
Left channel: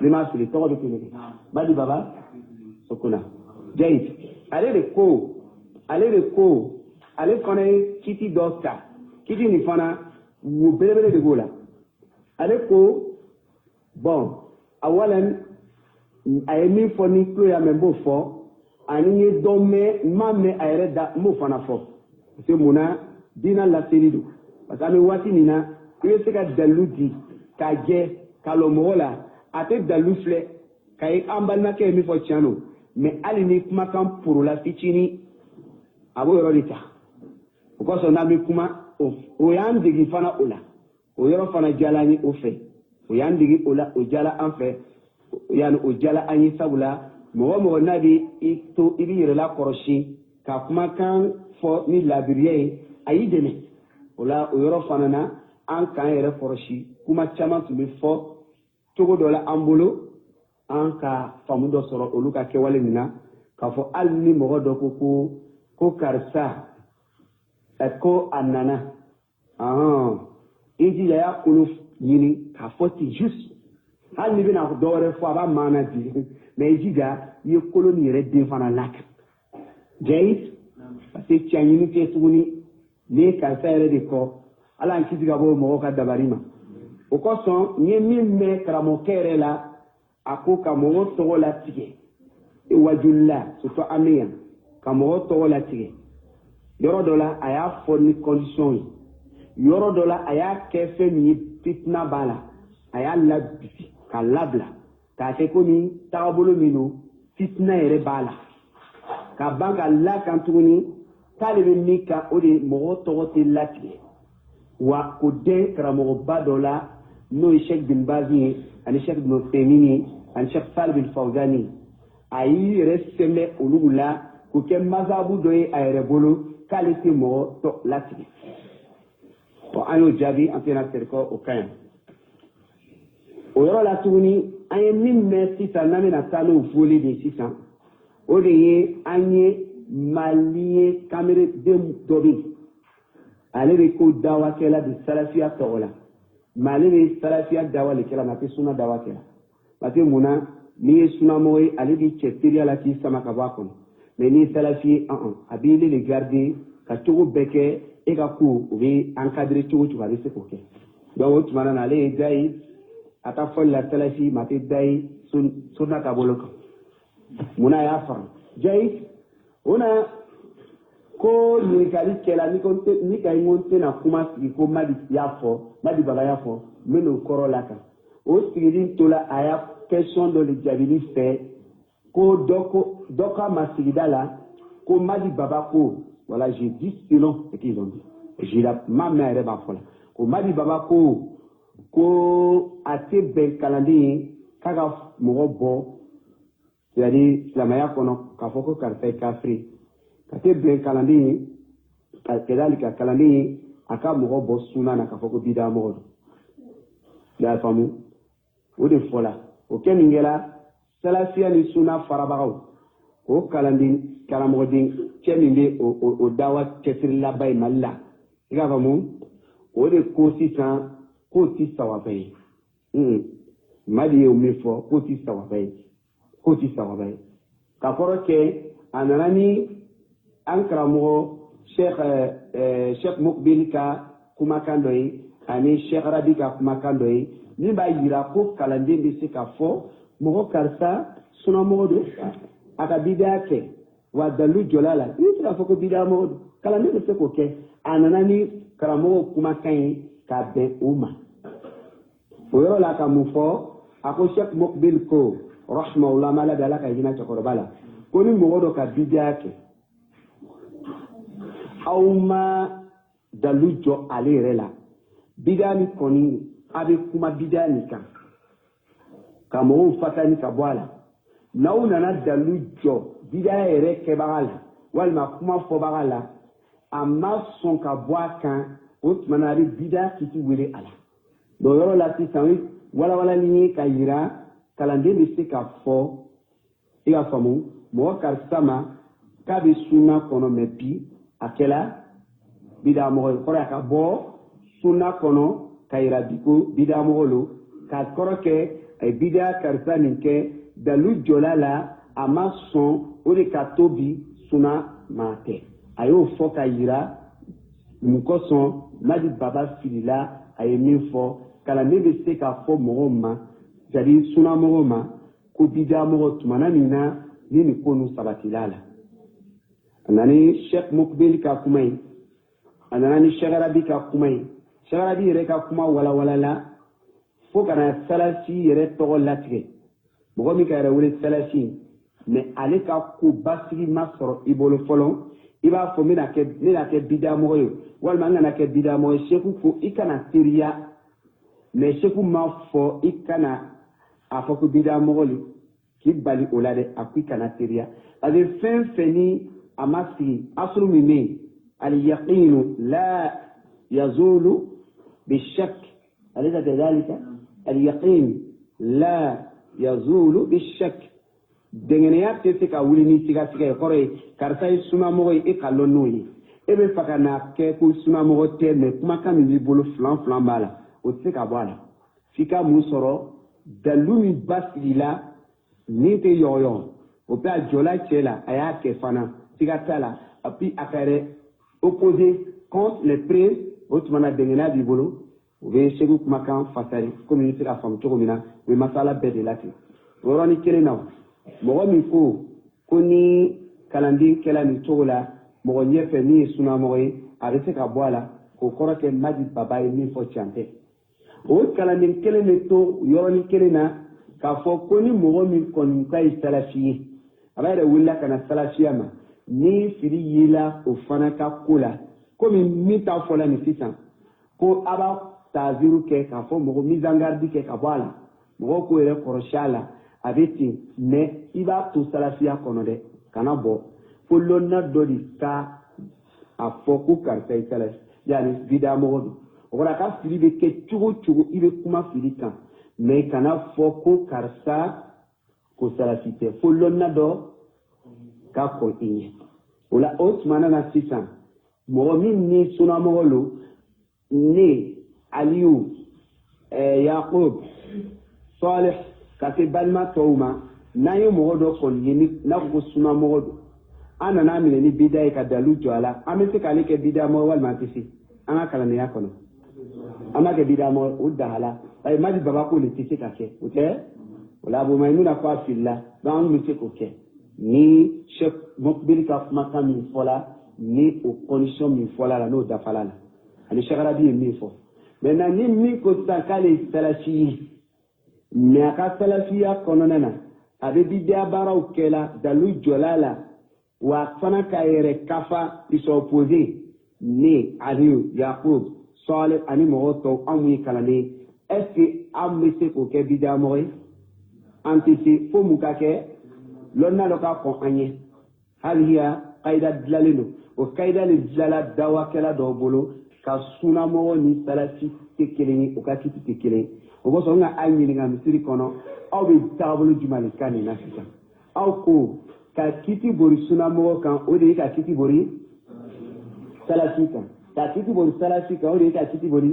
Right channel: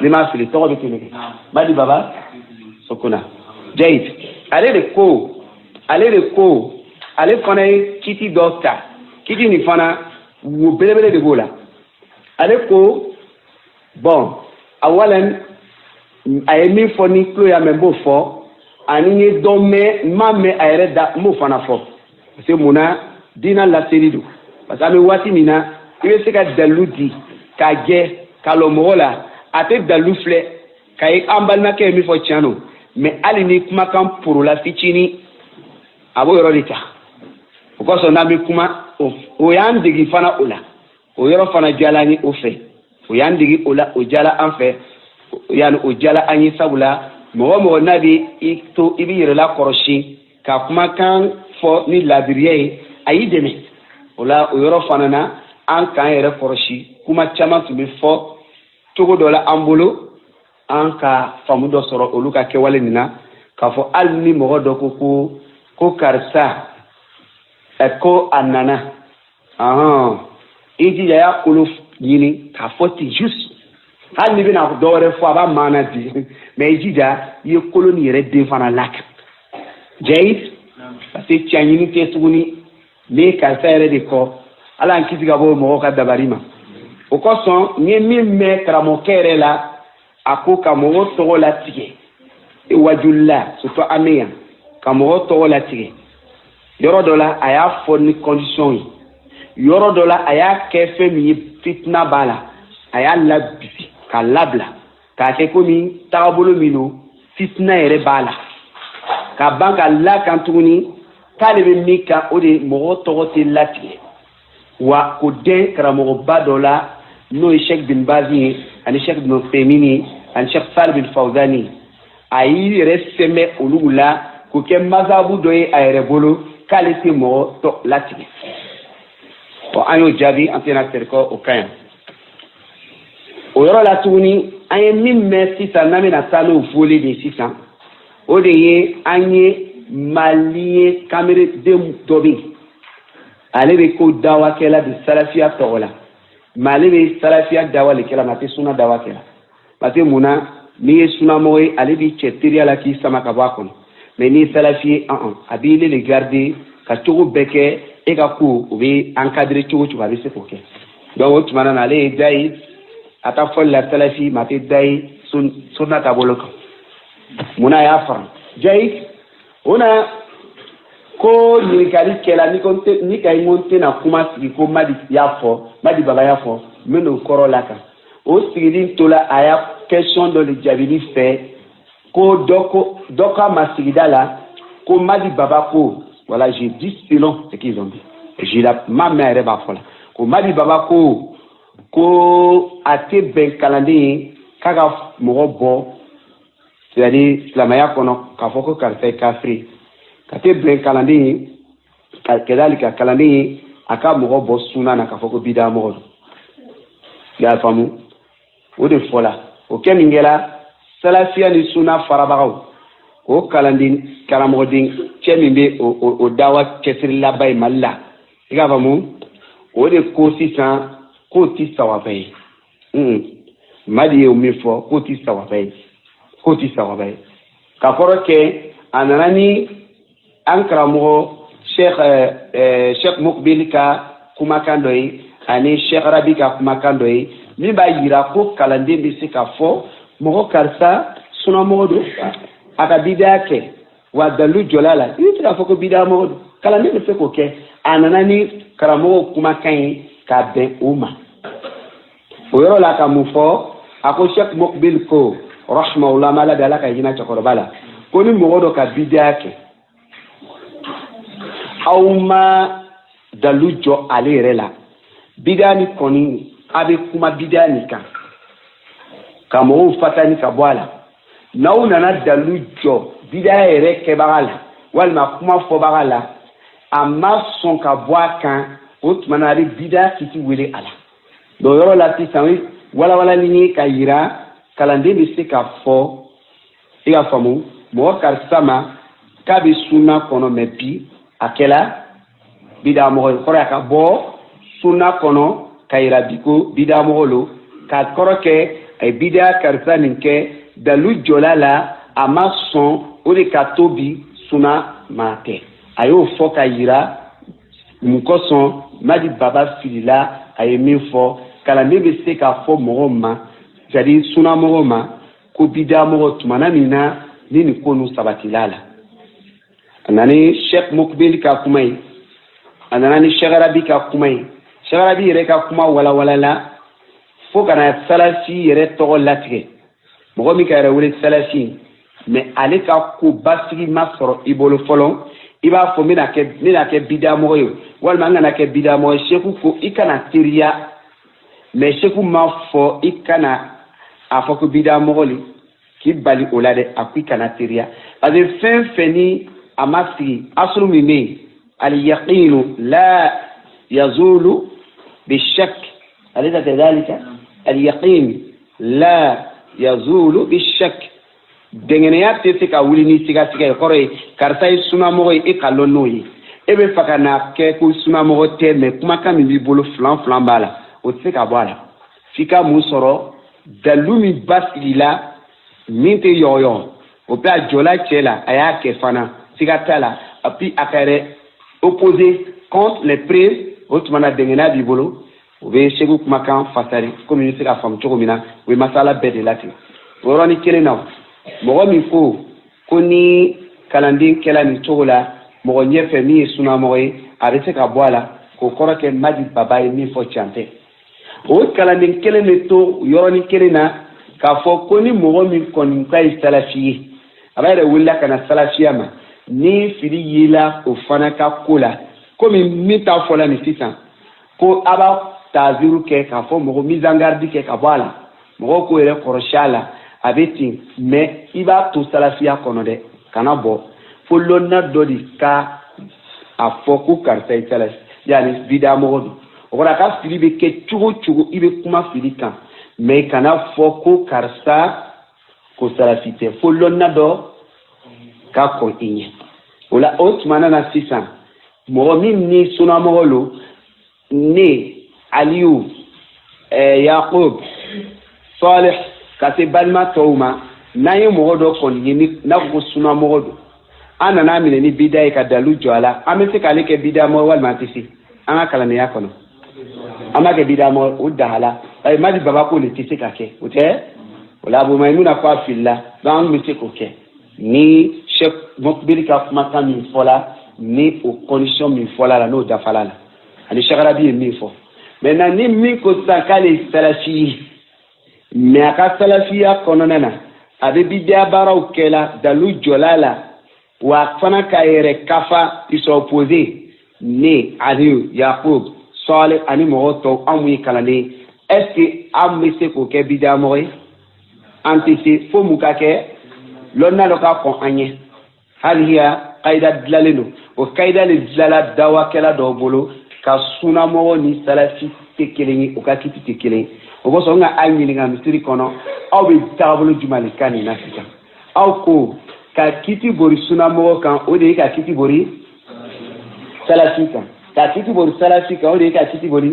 ni m'a fili tɔgɔ bɛ kelen kɛ Madi Baba Sokona jayid ale de ko ale fana ye kiti dɔ ta kiti nin fana wo belebele de b'o la ale ko bon awalan a ye min fɔ ni tulo y'a mɛn n b'o fɔ ani n ye dɔ mɛn n m'a mɛn a yɛrɛ da n b'o fana fɔ parce que mun na diina laseli don parce que an bɛ waati min na i bɛ se ka dalilu di k'a jɛ k'a lɔ mɔgɔ la a tɛ dalilu filɛ k'a ye an balimakɛ ye min fɔ tiɲɛ don mais hali ni kumakan porola fitinin a b'o yɔrɔ de ta o kosɔn n'an bɛ kuma o y'an degi fana o la o yɔrɔ fana diyala an ye o fɛ o y'an degi o la o diyala an fɛ yani o diyala an ye sabula mɔgɔ mɔgɔ n'a bɛ i to i bɛ yɛrɛ lakɔrɔsi ka kumakan fɔ ni laadiriya ye a y'i dɛmɛ o la o yɔrɔ fana na an k'an yɛrɛ kɔrɔsi kuma caman tun bɛ fɔ cogo dɔ la an bolo an ka faamu dɔ sɔrɔ olu ka kɛwale nin na k'a fɔ hali ni mɔgɔ dɔ ko karisa ko a nana i jija y'a kolo ɲini k'a fɔ ten juste hali ni bɛna dɔ wɛrɛ fɔ a b'a maana di mais i jija i ye kolo nin yɛrɛ den fana lakan jayid parce que tiɲɛ ɲini tɛ tuguni ne karisa yɛrɛ de kɔ ala an kisi ka bɔ mɔgɔw ka dabali ma o kosɔn n ye min mɛn karamɔgɔkɛ yɛrɛ la a ko ka mɔgɔw tɔgɔ latigɛ wajulila surtout an bɛ yan ka mɔgɔw tɔgɔ latigɛ yɔrɔ dɔ la a y'a fɔ ni condition ye yɔrɔ dɔ la a y'a kɛ fɛn min ye fitina b'a la a y'a labisi k'a labila k'a kɛ komi tagabolo min don fitina yɛrɛ b'a la ka ban ka lakan tuguni k'ale bɛ min kan o de mɔgɔ tɔgɔ tɛ latigɛ wa o den karamɔgɔba dɔ la n'o ye Sheikh bin Baz ye ani Sheikh bin Uthaymeen ye ani Sheikh Salih bin Fawzan ye a y'i yɛrɛ sɛmɛ olu la k'o kɛ mazabu dɔ ye a yɛrɛ bolo k'ale tɛ mɔgɔ tɔ latigɛ bon an y'o jaabi an tɛna sɛri kɔ o kan yan o yɔrɔ la tuguni an ye min mɛn sisan n'an bɛna taa n'o fɔli de sisan o de ye an ye maliyɛn kamereden dɔ bɛ yen ale bɛ ko dawakɛla de salafiya tɔgɔ la mais ale bɛ salafiya dawa de kɛla mais a tɛ sunna dawa kɛla parce que mun na ni ye sunamɔgɔ ye ale bi cɛ teriya la k'i sama ka bɔ a kɔnɔ mais ni ye salafi ye a b'i le garder ka cogo bɛɛ kɛ e ka ko o bɛ encadrer cogo cogo a bɛ se k'o kɛ donc o tuma na ale ye da ye a ka fɔli la salafi ma tɛ da ye sunna taabolo kan munna a y'a fara jayi o na ko ɲininkali kɛla ni ka ɲi ko n tɛna kuma sigi ko madi baba y'a fɔ n bɛ n'o kɔrɔ la kan o sigili tola a y'a question dɔ de jaabili fɛ ko dɔ ka ma sigida la ko madi baba ko voilà j'ai dit selon ce qu'ils ont dit ma mère yɛrɛ b'a fɔ la ko madi baba ko a tɛ bɛn kalanden ye k'a ka mɔgɔ bɔ c'est-à-dire silamɛya kɔnɔ k'a fɔ ko karisa ye kafiri ka tɛ bɛn kalanden ye ka kalanden ye a ka mɔgɔ bɔ sunna na k'a fɔ ko bida mɔgɔ don i y'a faamu o de fɔla o kɛ min kɛra salafiya ni sunna farabagaw o karamɔgɔden cɛ min bɛ o dawa cɛsiri laban ye mali la i k'a faamu o de ko sisan k'o ti sawaba ye madi ye o min fɔ k'o ti sawaba ye ka kɔrɔ kɛ a nana ni an karamɔgɔ sheikh mukbil ka kumakan dɔ ye ani sheikh rabi ka kumakan dɔ ye min b'a yira ko kalanden bɛ se k'a fɔ mɔgɔ karisa sunamɔgɔ don a ka bidaya kɛ wa dalu jɔla la i bɛ se k'a fɔ ko bidaya mɔgɔ don kalanden bɛ se k'o kɛ a nana ni karamɔgɔ kumakan ye k'a bɛn o ma o yɔrɔ la ka mun fɔ a ko sheikh mukbil ko rahmahullah ma ala de ala ka hinɛ cɛkɔrɔba la ko ni mɔgɔ dɔ ka bidaya kɛ aw ma dalu jɔ ale yɛrɛ la bidaya ni kɔni a bɛ kuma bidaya ni kan ka mɔgɔw fatani ka bɔ a la n'aw nana dalu jɔ bidaya yɛrɛ kɛbaga la walima kuma fɔbaga la a ma sɔn ka bɔ a kan o tuma na a bɛ bidaya kisi wele a la donc yɔrɔ la sisan walawalali ye ka yira kalanden bɛ se ka fɔ i ka faamu mɔgɔ karisa ma k'a bɛ sunna kɔnɔ mais bi a kɛla bidaya mɔgɔ ye kɔrɔ a ka bɔ sunna kɔnɔ ka yira bi ko bidaya mɔgɔ lo k'a kɔrɔ kɛ a ye bidaya karisa nin kɛ dalu jɔla la a ma sɔn o de ka to bi sunna ma tɛ a y'o fɔ ka yira mun kosɔn madi baba filila a ye min fɔ kalanden bɛ se k'a fɔ mɔgɔw ma c'est-à-dire sunna mɔgɔw ma ko bidaya mɔgɔ tumana min na ni nin ko ninnu sabatila la a nana ni sheikh mukbil ka kuma ye a nana ni sheikh rabi ka kuma ye sheikh rabi yɛrɛ ka kuma walawalala fo ka na salafi yɛrɛ tɔgɔ latigɛ mɔgɔ min ka yɛrɛ wele salafi mais ale ka ko basigi ma sɔrɔ i bolo fɔlɔ i b'a fɔ n bɛna kɛ bidaya mɔgɔ ye walima n kana kɛ bidaya mɔgɔ ye sheikh ko i kana teriya mais sheikh ma fɔ i kana a fɔ ko bidaya mɔgɔ le k'i bali o la dɛ a ko i kana teriya parce que fɛn fɛn ni a ma sigi asulu min bɛ yen al-yaqinu la yazulu bi-shak alaysa kadhalika al-yaqin la yazulu bi-shak dɛngɛniya tɛ se ka wuli ni sigasiga ye kɔrɔ ye karisa ye sunamɔgɔ ye e ka lɔn n'o ye e bɛ fɛ ka na kɛ ko sunamɔgɔ tɛ mais kumakan min b'i bolo filan b'a la o tɛ se ka bɔ a la f'i ka mun sɔrɔ dalu min basigi la min tɛ yɔgɔyɔgɔ o bɛ a jɔla cɛ la a y'a kɛ fana siga t'a la et puis a ka yɛrɛ opposé contre les preuves o tuma na dɛngɛniya b'i bolo o bɛ segu kumakan fasari komi i bɛ se ka faamu cogo min na o ye masala bɛɛ de la ten o yɔrɔnin kelen na mɔgɔ min ko ni kalanden kɛla nin cogo la mɔgɔ ɲɛfɛ min ye sunamɔgɔ ye a bɛ se ka bɔ a la k'o kɔrɔ kɛ madi baba ye min fɔ can tɛ o kalanden kelen bɛ to yɔrɔnin kelen na k'a fɔ ko ni mɔgɔ min kɔni ka ye salafi ye a b'a yɛrɛ wulila ka na salafiya ma ni fili yela o fana ka ko la komi min t'a fɔla nin sisan ko a b'a taazuru kɛ k'a fɔ mɔgɔ mise en garde kɛ ka bɔ a la mɔgɔw k'o yɛrɛ kɔrɔsi a la a bɛ ten mais i b'a to salafiya kɔnɔ dɛ kana bɔ fo lɔnna dɔ de ka a fɔ ko karisa ye salafi yani bidaya mɔgɔ don o kɔrɔ a ka fili bɛ kɛ cogo cogo i bɛ kuma fili kan mais kana fɔ ko karisa ko salafi tɛ fo lɔnna dɔ ka kɔn i ɲɛ o la o tuma na sisan mɔgɔ min ni sunamɔgɔ lo ne aliyu yaqub salih ka se balima tɔw ma n'an ye mɔgɔ dɔ kɔni ye ni n'a ko suna mɔgɔ don an nana minɛ ni bida ye ka dalu jɔ a la an bɛ se k'ale kɛ bida mɔgɔ walima an tɛ se an ka kalandenya kɔnɔ an b'a kɛ bida mɔgɔ o dahala ayi madi baba ko le tɛ se ka kɛ o tɛ o la Abu Maimuna ko a filila donc an bɛ se k'o kɛ ni Cheikh Mokbiri ka kumakan min fɔla ni o condition min fɔla la n'o dafala la ani Cheikh Rabi ye min fɔ maintenant ni min ko sisan k'ale ye salafi ye mais a ka salafiya kɔnɔna na a bɛ bidiya baaraw kɛla dalu jɔla la wa fana ka yɛrɛ kafa ils sont opposés ne Aliyu Yakub Saleh ani mɔgɔ tɔw an mun ye kalanden est ce que an bɛ se k'o kɛ bidiya mɔgɔ ye an tɛ se fo mun ka kɛ lɔnna dɔ ka kɔn an ɲɛ hali hiya kayida dilanlen don o kayida le dilanla dawakɛla dɔw bolo ka sunamɔgɔ ni salafi tɛ kelen ye o ka kiti tɛ kelen ye o kosɔn n ka a ɲininka misiri kɔnɔ aw bɛ taabolo jumɛn de kan nin na sisan aw ko ka kiti bori sunamɔgɔ kan o de ye ka kiti bori salafi kan ka kiti bori salafi kan o de ye ka kiti bori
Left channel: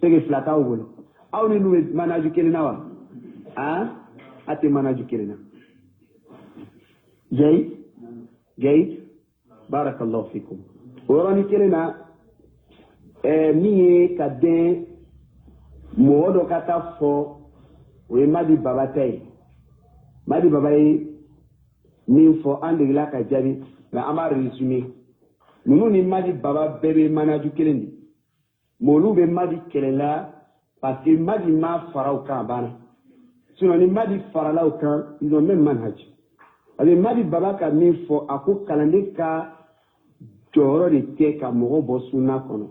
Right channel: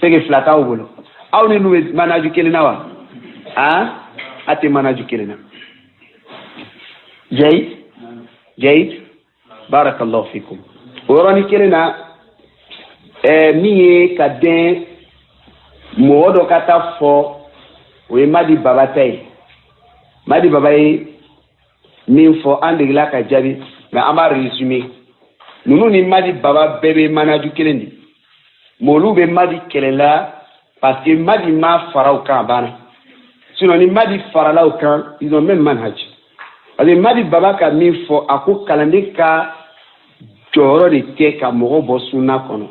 sege fila t'aw bolo aw ni n'u bɛ manaju kelen na wa a tɛ manaju kelen na jayid barakallahu fikum o yɔrɔnin kelen na min ye ka den mɔgɔ dɔ ka taa fɔ o ye Madi Baba ta ye Madi Baba ye min fɔ an degela ka jaabi mais an b'a résumé ninnu ni Madi Baba bɛɛ bɛ manaju kelen de mais olu bɛ Madi kɛlɛla parce que Madi ma fara u kan a banna sinon ni Madi farala u kan ils ont même manhaj parce que Madi Baba ka min fɔ a ko kalanden ka jɔyɔrɔ de tɛ ka mɔgɔ bɔ sunna kɔnɔ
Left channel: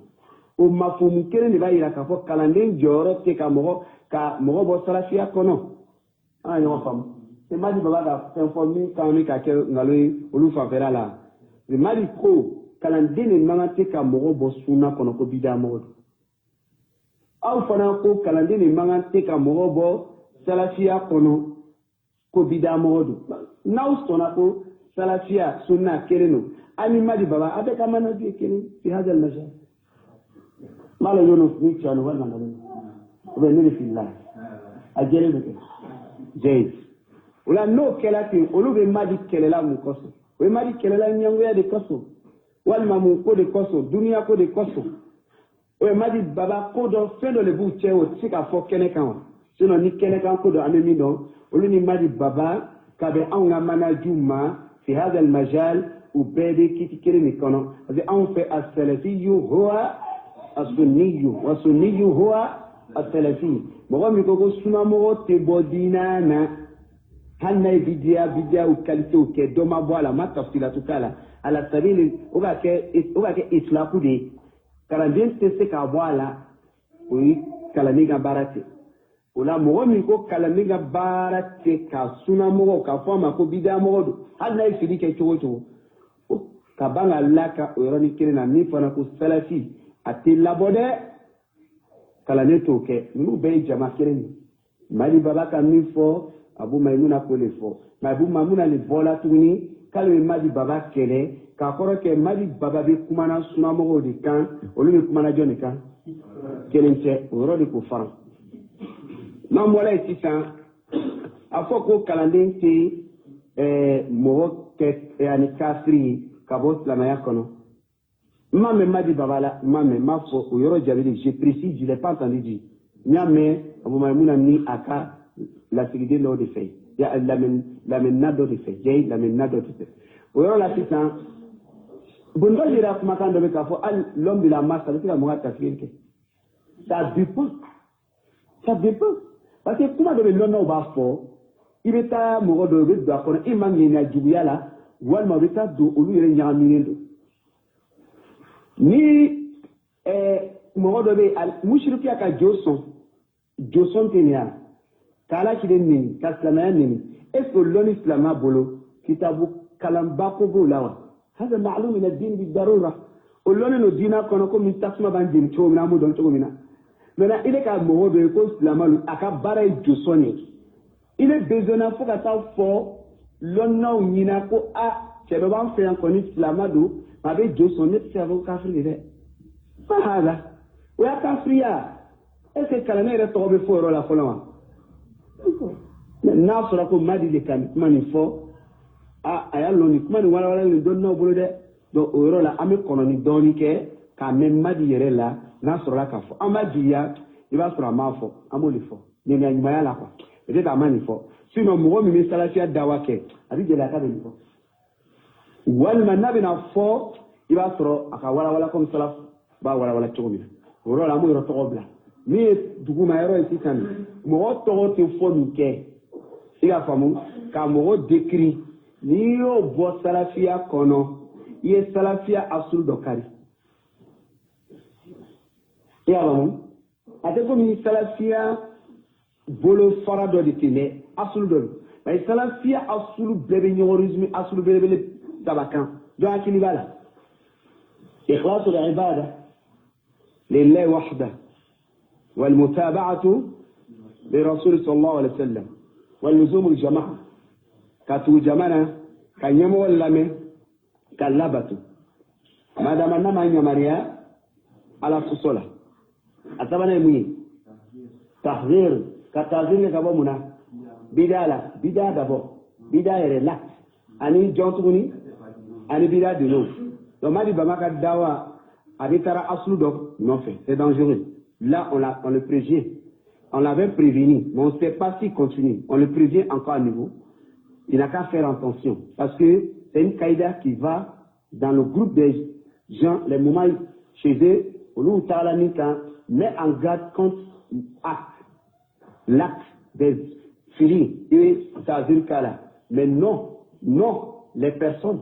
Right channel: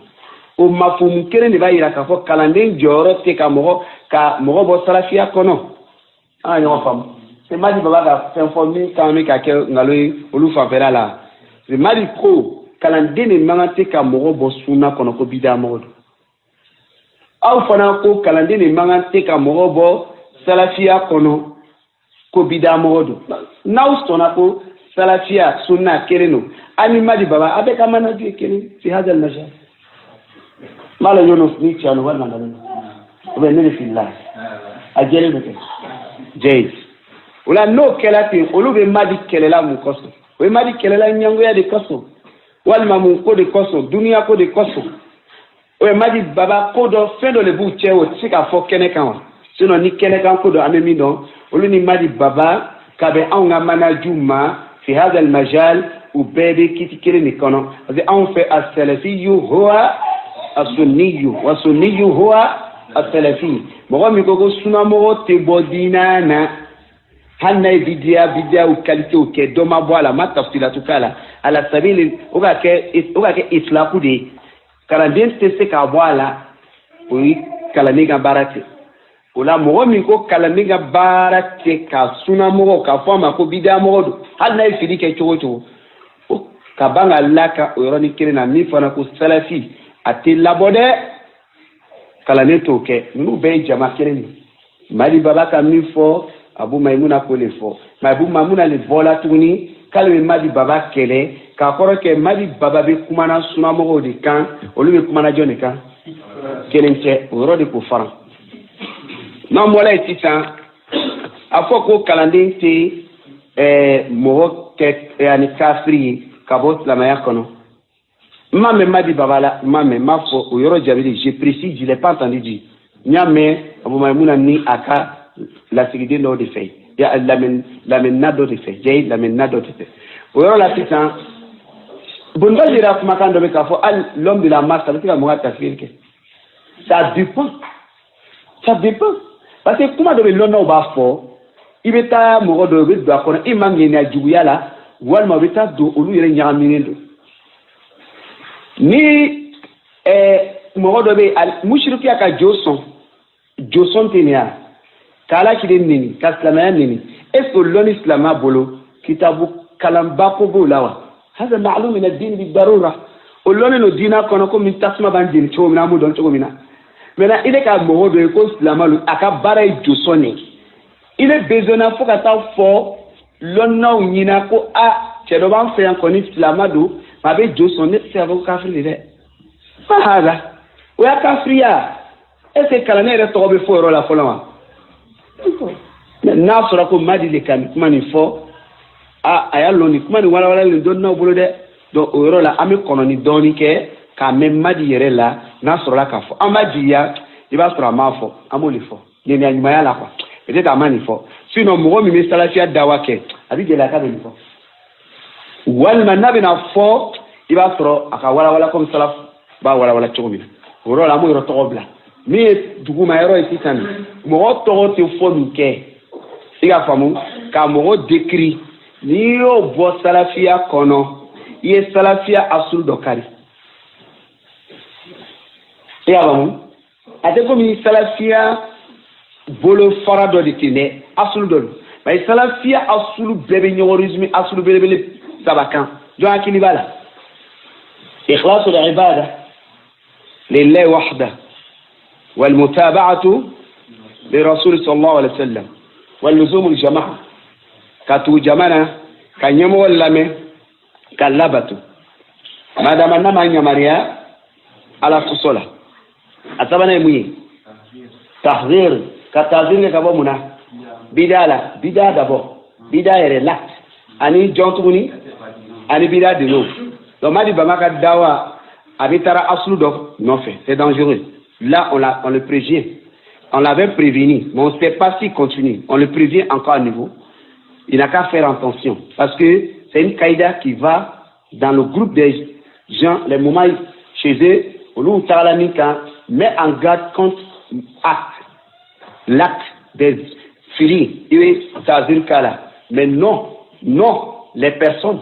o mafumu kelen de b'a yira k'a fɔ kalanden jɔyɔrɔ tɛ ka mɔgɔ bɔ salafiya kɔnɔ an ka ɲɔgɔn faamu c'est Madi Baba ka fɛn fɔ min kan bɛ ka kɛ nkalon ye olu fanfɛla la c'est Madi ko kalanden de man kan tɛ ka mɔgɔ bɔ sunna kɔnɔ ko bida mɔgɔ don aw fana ko kalanden de man kan tɛ ka mɔgɔ bɔ salafiya kɔnɔ ko bida mɔgɔ don n'aw sɔnna ko salafiya sunna kelen don ani Madi Baba a bɛ ka manaju ye kelen fi hadal majal mala yono ni chano wala ngalo obe nene fillah ajele beke jay wala no kelati olube Madi kelela mu koso we Madi kelela nyango ya de koso wala mamu ko de koso dunia ko de koso we Madi Baba ko do fendo le bu chewo sika fo kene kan sino ni kene kan ko do amemi don olu ni Madi Baba kabe anga manaju ma fi hada al majal u bebe kiti kele ni kono parce que on fait as-salafi huwa as-sunni wa sunni huwa as-salafi mɔgɔ min ko sunna mɔgɔ tɛ bɔ diina na hali n'a ye bidiya u qualité u kɛ dɔ ma bɔ a la ma tafsilatu k'a la ala sabili o ka kɛ islaku de ye kalanden tɛ se k'a bɔ a la o ye kalanden ka baara tɛ o la mɔgɔ min ko kalanden ka baara tɛ ka sunna mɔgɔ k'a fɔ a ma ko bidiya mɔgɔ don hali n'a ye fili kɛ cogo cogo ka ban ka laka o yɔrɔnin kelen na min fana ko salafi a tɛ labɔ dɛ kalanden t'o kɛ ninnu bɛɛ ye jama kelen de Madi Baba ka min fɔ Abu Maimuna ko le fɔ mais Abu Maimuna le bɔla tuguni k'ale bɛ Madi Baba kɛlɛ k'a kɔrɔ kɛ Madi Baba bɛ kumana sunnamɔgɔw de kan olu bɛ kumana jɔn de kan kelen tɛ o yɔrɔ de k'o fara n'an bɔra yen sisan a fɔ ko kalanden tɛ mɔgɔ kɛ ani kafiri ye ka bɔ silamɛya kɔnɔ ma mɛ Madi Baba la ma mɛ ma fɔ o yɔrɔ jaabi de je précise je l'ai pas entendu dire n y'a mɛn Abu Maimuna ni a ka lasigiden dɔw de fɛ lamɛnna dɔ de fɛ jɛyi lamɛnna dɔ de fɛ o yɔrɔ la sisan Bondol yɛrɛ kumakan dɔ bɛ k'a fɔ hali l'homme de la masse a bɛ se ka mɔgɔ tafsir kɛ ça dépend parce que kuma dɔ bɛ lɔnnaw b'a fɔ i bɛ taa mɔgɔ dɔ i bɛ don a kɔnɔ i ma ŋɛniya juguya la walima u bɛ taa don olu yɛrɛ ɲagaminen don ni mɔgɔ dɔ bɛ mushrikiya ka jo sɔn tɛ nin ya ka Ala kiden neni ka silamɛya neni est-ce que lɔnni silamɛya bolo kitabu kalanba ko b'o la wa hada ma'lum min ad-din bi darura o lɔnni no diina kɔnɔ komi tasuma b'an jeni cogo min na an b'o dɔn cogo min na maintenant i bɛ ka mɔgɔ dɔ ye ko silamɛ a ka baara ye jo sɔn de i bɛ besoin na fo ka taa fɔ lɔnnaw ɲina ko cɛ dɔ b'an fɛ yan kɔni silamɛ don a bɛ jo sɔn ne tɛ se ka fɔ ko kafiri de dɛ ma hada o y'a kafiriya est-ce que kalanden yɛrɛ tɔgɔ bɛ fɔ o yɔrɔ la fɔlɔ wa n'a sɔrɔ ko madi de kan kuma nin fɔ a y'a lɔn nin kuma nin walawalalen dɔɔni n'aw bolo dɛ donc o yɔrɔ la an bɛ kɔnɔ ni dɔɔni kɛ k'a mɛn madi yɛrɛ la n'a sɔrɔla k'a fɔ an b'a jigiya i b'a sɔrɔ a m'a fɔ an b'o de fɔ ŋaniya ɲumanya la quoi peut-être a ma nin fɔ sinon mɔgɔ min bɛ salafiya dawa kɛ a bɛ gɛlɛya k'a bɛ nin fɔ walima n'a bɛna fɔ i b'a sɔrɔ a ka walawala comme salaf b'a walawala cogo min na o yɔrɔ la an b'o yɔrɔ tɔgɔ bila min ye duguma yɔrɔ ye sisan mɔgɔ tɔgɔ tɛ fɔ min kɛ i ka faamu ka mɔgɔ décrit n'i y'o bɔ salafiya kɔnɔ i ye salafiya asulu dɔ kari i y'a faamu a tɛ komi salafiya bolo fara dɔ de ten dɛ asulu dɔ don mais salafiya asulu bɛɛ bɛ ɲɔgɔn résumé asulu belebele saba kan jɔn hakili b'a la ikhlasul ibada lillahi wahda والمتابعة لرسول صلى الله عليه وسلم واللزوم الجماعة كاتو جمانا كان يمو اللامي كان لابتو ما دام نما نماريا على فصولة أتبنا يمي تحذير كتحذير كبو منا بدالا بدا دبو بدا يرلاك أني جونتوني أني بدا دلو لو ما دي بما كدوا أبي ترى أصلو دو نوفي c'est dangereux. Là, on le prévient. On l'avait prévenu, mais on ne sait pas s'il continue. On le prévient encore à nouveau. Il n'a qu'à faire attention. Parce que c'est une caïda qui va dans le groupe des gens, les moments chez eux, où met en garde contre l'acte des filles. Mais non, les personnes.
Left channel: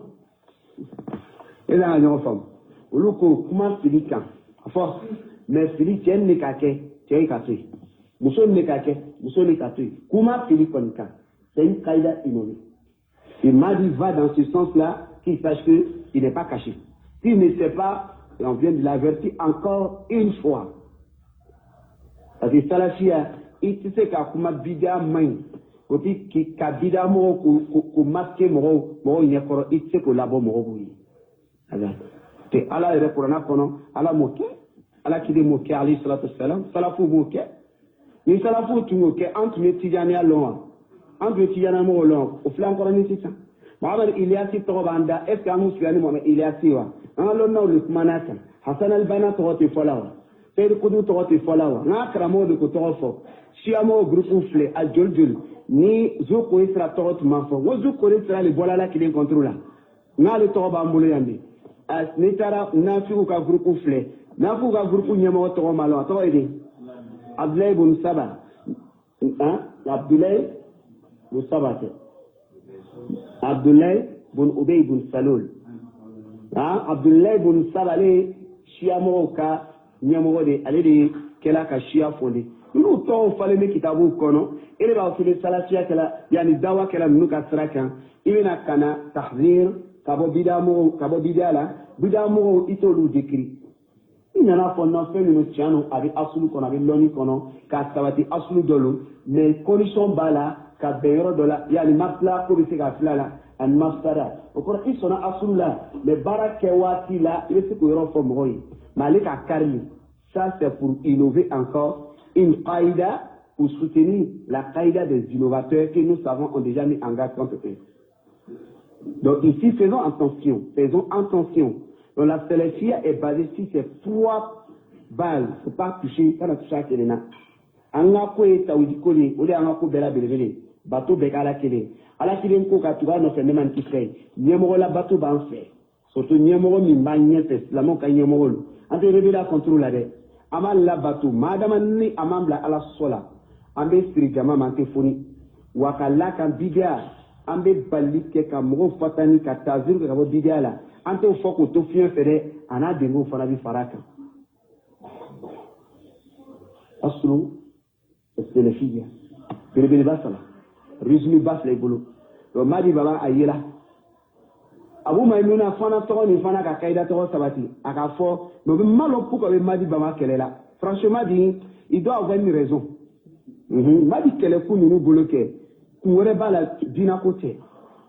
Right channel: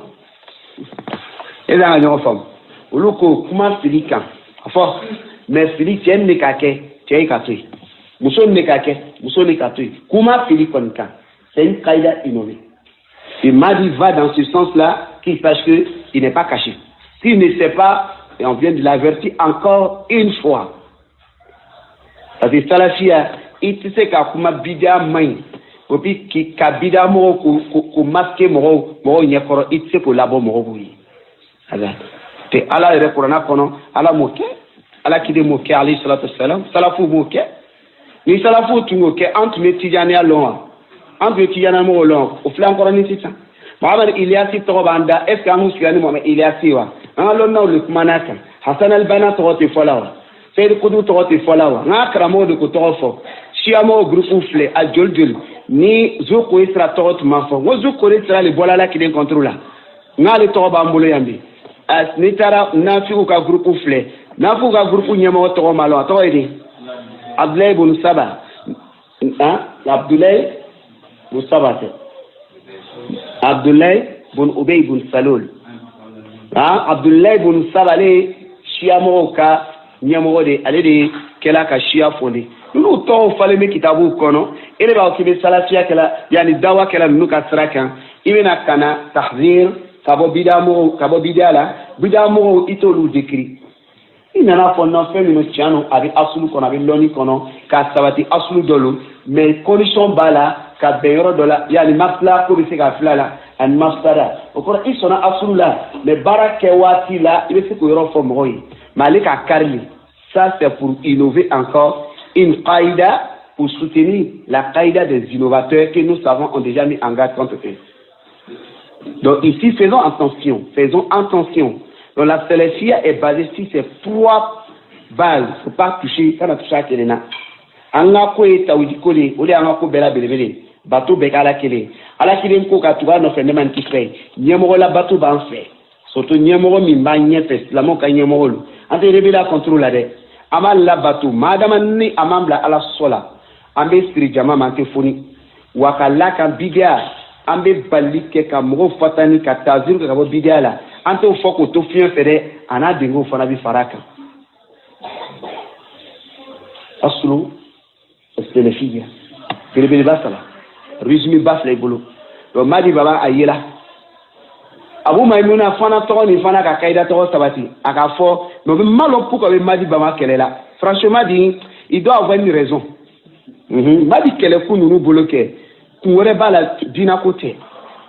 Et dans la forme. Comment fili quand? Mais fili tiens ne kake tiens katui muso ne kake muso ne katui kuma fili konka c'est une caïda innovée et Madi va dans ce sens-là qu'il sache que il n'est pas caché s'il ne sait pas et on vient de l'avertir encore une fois parce que salafia il sait qu'à kuma bidia main et puis qui kabida mo ko masquer mo nyekoro il sait ko labo mo buyi ala te ala rekorana kono ala moke ala kide moke alayhi salatu wassalam salafu moke ni salafu tungoke entre les tijani alon entre les tijani mo lon o flan ko ni tita Muhammad Ilyasi to banda est-ce que amu sigani Muhammad Ilyasi wa an lon na le kumanaka Hassan al-Banna to te folawa Sayyid Qutb to te folawa na kramo de ko to fo Shiamo groupe fle al joljol ni zoko isra to to mafo wo zoko isra le bolala kide contrôle na le to ba mbulo yambi as nitara nafiku ka groupe fle nafiku ka groupe nyama to malo to edi Abdullah ibn Saba Abdullah ibn Saba Abdullah ibn Ubay ibn Salul Abdullah ibn Saba le shiamo ka nyama de ale de kela ka shia fondé nous to fale me kitabu kono ele ba kibe salafia kala yani dawa kala nuka srakan ibena kana tahzir kabo bidala bidamo itolu décrit il nana fo non fait no tiano avec asulu kono avec loni kono ka sabati asulu dolo mais condition bala ka beyoro dola yani masla ko be se ka flala an masara o ko isona asulu la mais barake wati la il se ko yoro fo moyi malika karli ça c'est pour innover encore une qaïda pour soutenir la qaïda des innovateurs que nous savons ont déjà mis en garde contre eux. Donc ici, faisons attention. Donc la salafia est basée sur ces trois bases. Il ne faut pas toucher, quand on touche à Kelena. Angako et Taoudikole, ou les Angako Bela Belevele, bateau Bekala Kele. À la Kilem Kokatuga, nos frères Neman qui fait. Niemoro la bateau ban fait. Surtout Niemoro Mimba Niefes, la Moka Niemoro. Ante Rebela contrôle la dette. Amal la bateau, madame ni amambla ala sola. Ambe spiri jama mante foni. Wakala kan bidia. Ambe balike ka moro fatani ka tazir ka bo bidia la. Ante o foko to fian fere ana dingo fana bi faraka. Aslu estelefia. Kelebe basala. Résumé bas les bolo. Do madi baba ayela. Abu Maimouna fana to ni fana ka kaida to sabati aka fo no be malo pour que madi bama kelela. Franchement dit il doit avoir une raison. Madi kele ku nous bloquer. Kuwere bala dina côté.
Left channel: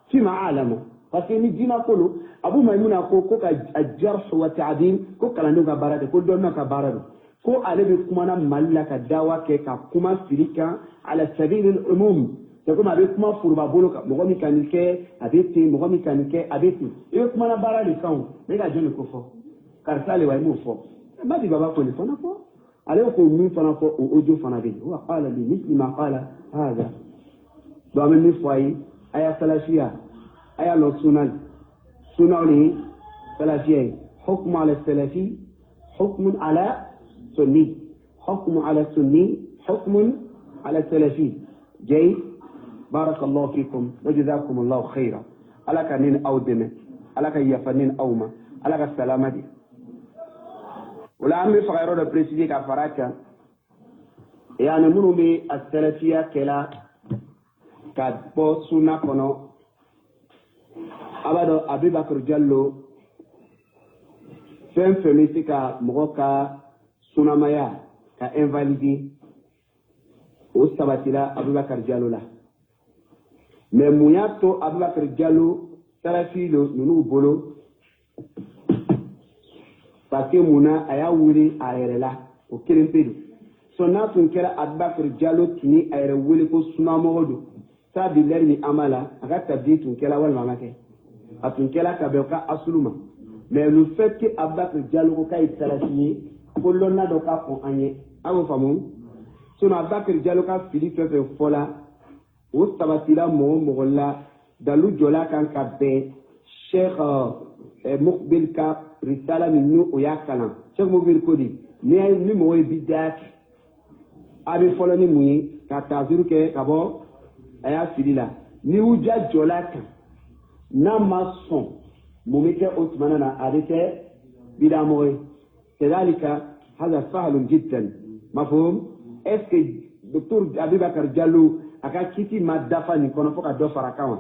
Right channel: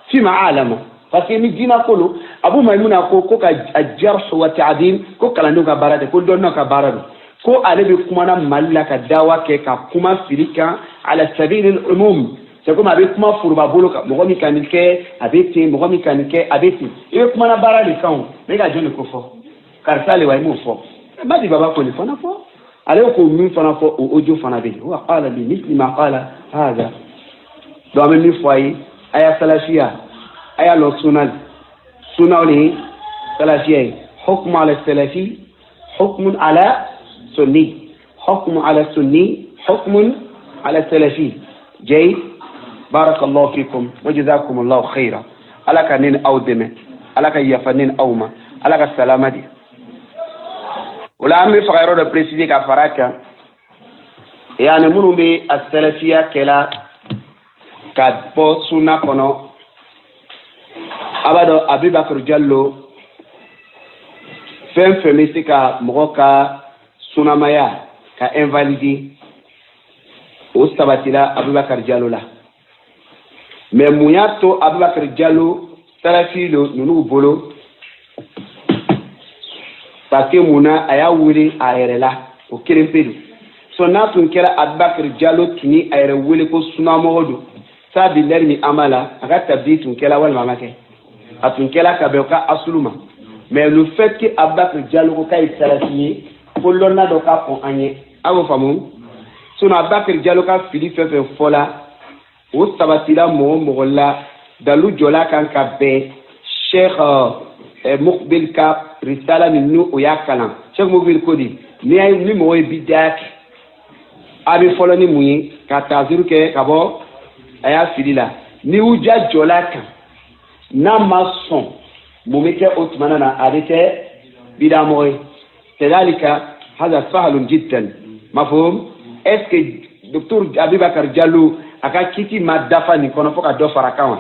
Fima alama. Parce que ni dina kolo Abu Maimouna ko ka ajarh wa ta'dil ko kalando ka barade ko donno ka barade. ko ale be kuma na malla ka dawa ke ka kuma filika ala sabil al umum c'est comme avec kuma furuba bolo ka mo mi kanike abeti mo mi kanike abeti e kuma na bara le kan me ga jone ko fo karsa le wa mo fo ba di baba ko le fo na fo ale ko mi fo na fo o ojo fo na be wa qala bi mithli ma qala hada do me mi fo yi aya salafia aya lo sunal sunali salafia hukm ala salafi hukm ala sunni hukm ala sunni hukm ala salafi جيد بارك الله فيكم وجزاكم الله خيرا على كنين أو دم على كيفنين أو ما على كسلامة دي ولا أمي فغيرو ده بريسيدي كفراكا يعني منو بي السلفية كلا كادبو سونا كنو أبدا أبي بكر جلو فين فميسي كمغوكا سونا مايا كإنفاليدي وستبتلا أبي بكر جلو لا mais muyato Abubakar Diallo salafilo nunu bolo parce que muna aya wuli ayerela o kelempedu so na tun kera Abubakar Diallo tuni ayere wuli ko suna modo sabi lermi amala aga tabdi tun kera wal mamake atun kera ka be ka asuluma mais le fait que Abubakar Diallo ko kay salafiye ko lonna do ka ko anye awo famu suna Abubakar Diallo ka fili fefe fola o sabatila mo la dalu jola kan ka be Cheikh Mukbil ka risala ni nu o yakalam Cheikh Mukbil ko di ni ay ni mo bidak abi folo ni muyi ka taziru ke ka bo aya filila ni uja jola kan na mason mo meke otmana na adete bidamoy tadalika hada sahlun jiddan mafhum est-ce que docteur Abubakar Diallo aka kiti madafa ni kono foka do farakawa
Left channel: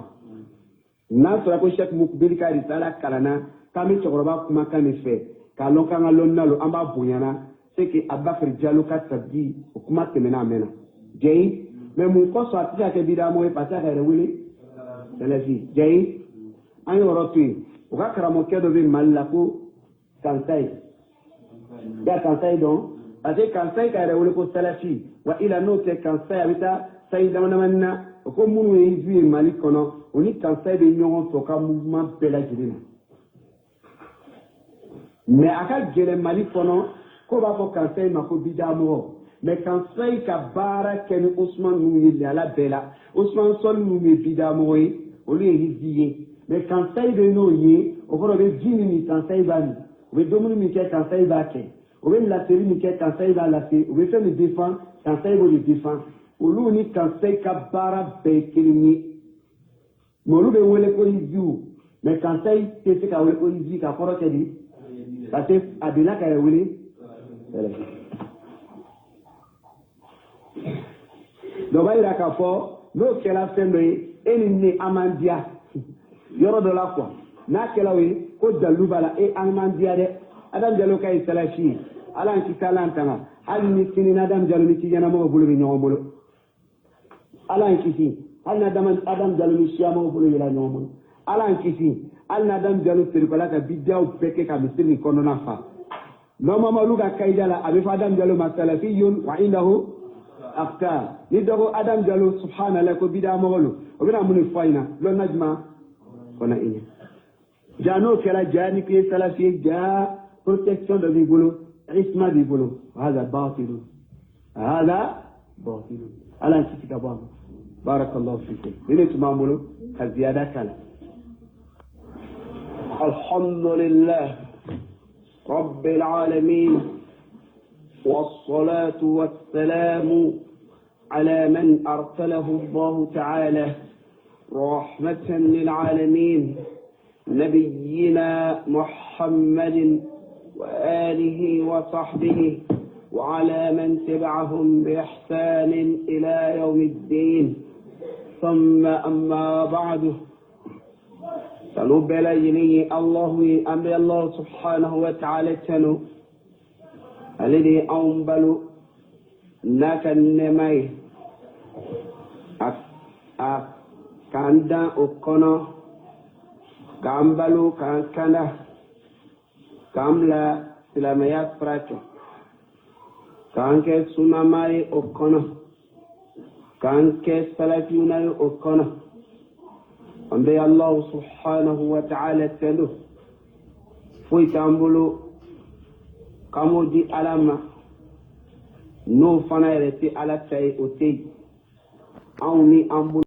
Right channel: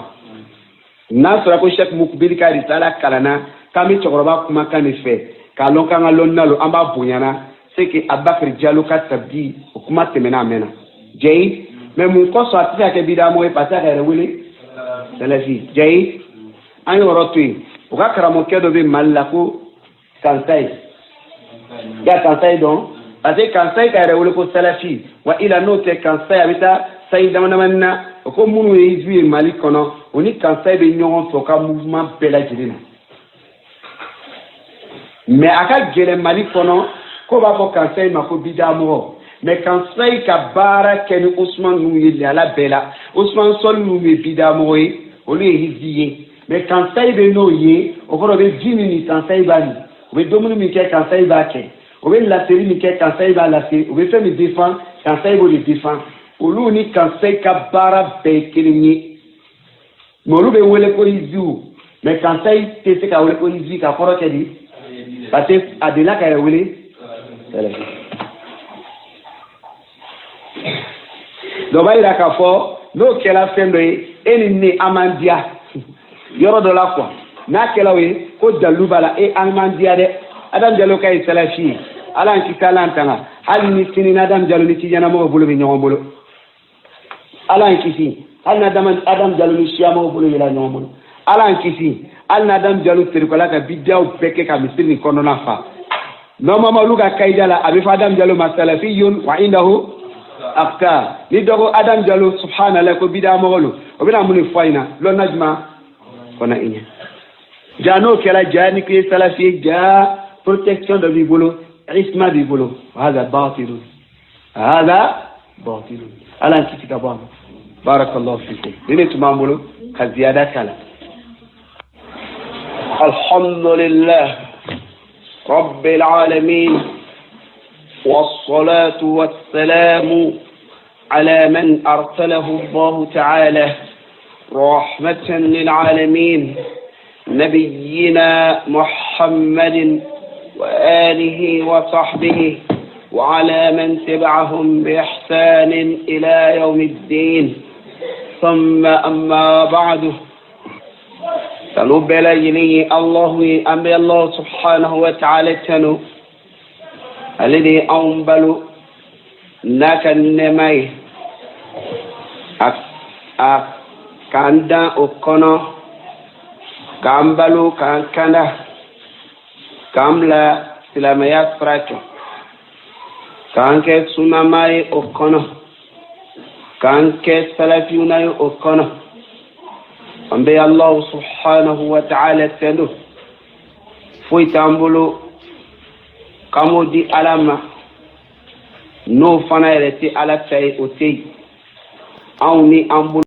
na sura ko Cheikh Mukbil ka risala kalana kami chokoroba kuma kanife ka lonka ngalonnalo amba bunyana c'est que Abubakar Diallo ka tabdi kuma temena mena jey mais mun ko so atisa ke bidamo e pasa ka rewele salafi jey an yorotui o ka karamo kedo be mallako kansai ya kansai don parce que kansai ka rewele ko salafi wa ila note kansai abita sai damandamanna ko munu yi mali kono oni kansai be nyon so ka mouvement bela jirina mais aka gele mali kono ko ba ko kansai ma ko bidamo mais kansai ka bara ken Ousmane nu yi ala bela Ousmane sol nu me bidamo yi oni hiziye mais kansai be no yi o ko be 10 minutes kansai bani o be 2 minutes ke kansai ba ke o be la série ni ke kansai ba la série o be fait me défend kansai bo le défend olu ni kansai ka bara be kirinyi molu be wele ko izu mais kansai te se ka wele ko izu ka foro ke di parce que adela ka wele do bayira ka fo no kela fendo eni ni amandia yoro do la quoi na kela we ko dalubala e amandia de adam jalo kay salafi ala ki talantanga hal ni sinina adam jalo ni ci jana mo bolo bi ñoo bolo ala kisi al na adam jalo ni siamo bolo yela ñoo bolo ala kisi al na adam jalo tere ko la ka bidaw peke ka misir ni kono na fa no mama luga kaydala abi fa adam jalo masalafiyun wa indahu afka ni dogo adam jalo subhanallah ko bida mogolo o bina mun fayna lo najma kona inya jano kala jani ki salafi ja protection de bibolo isma bibolo hada batil ala kiti kabano barakallahu fikum dine tumamolo ka ziyada kala alhamdulillah rabbil alamin والصلاة والسلام على من أرسله الله تعالى رحمة للعالمين نبينا محمد وآله وصحبه وعلى من تبعهم بإحسان إلى يوم الدين ثم أما بعد فنبل إليه الله أمر الله سبحانه وتعالى تنو الذي أنبل ناك النمي كاندا أكنا كامبلو كاندا كاملا سلاميات فراتو k'an kɛ sunama ye o kɔnɔ k'an kɛ salafiyuna ye o kɔnɔ an bɛ Allahu subhanahu wa ta'ala tendo foyi t'an bolo k'an di Ala ma n'o fana yɛrɛ tɛ Ala ta ye o tɛ yen anw ni an bolo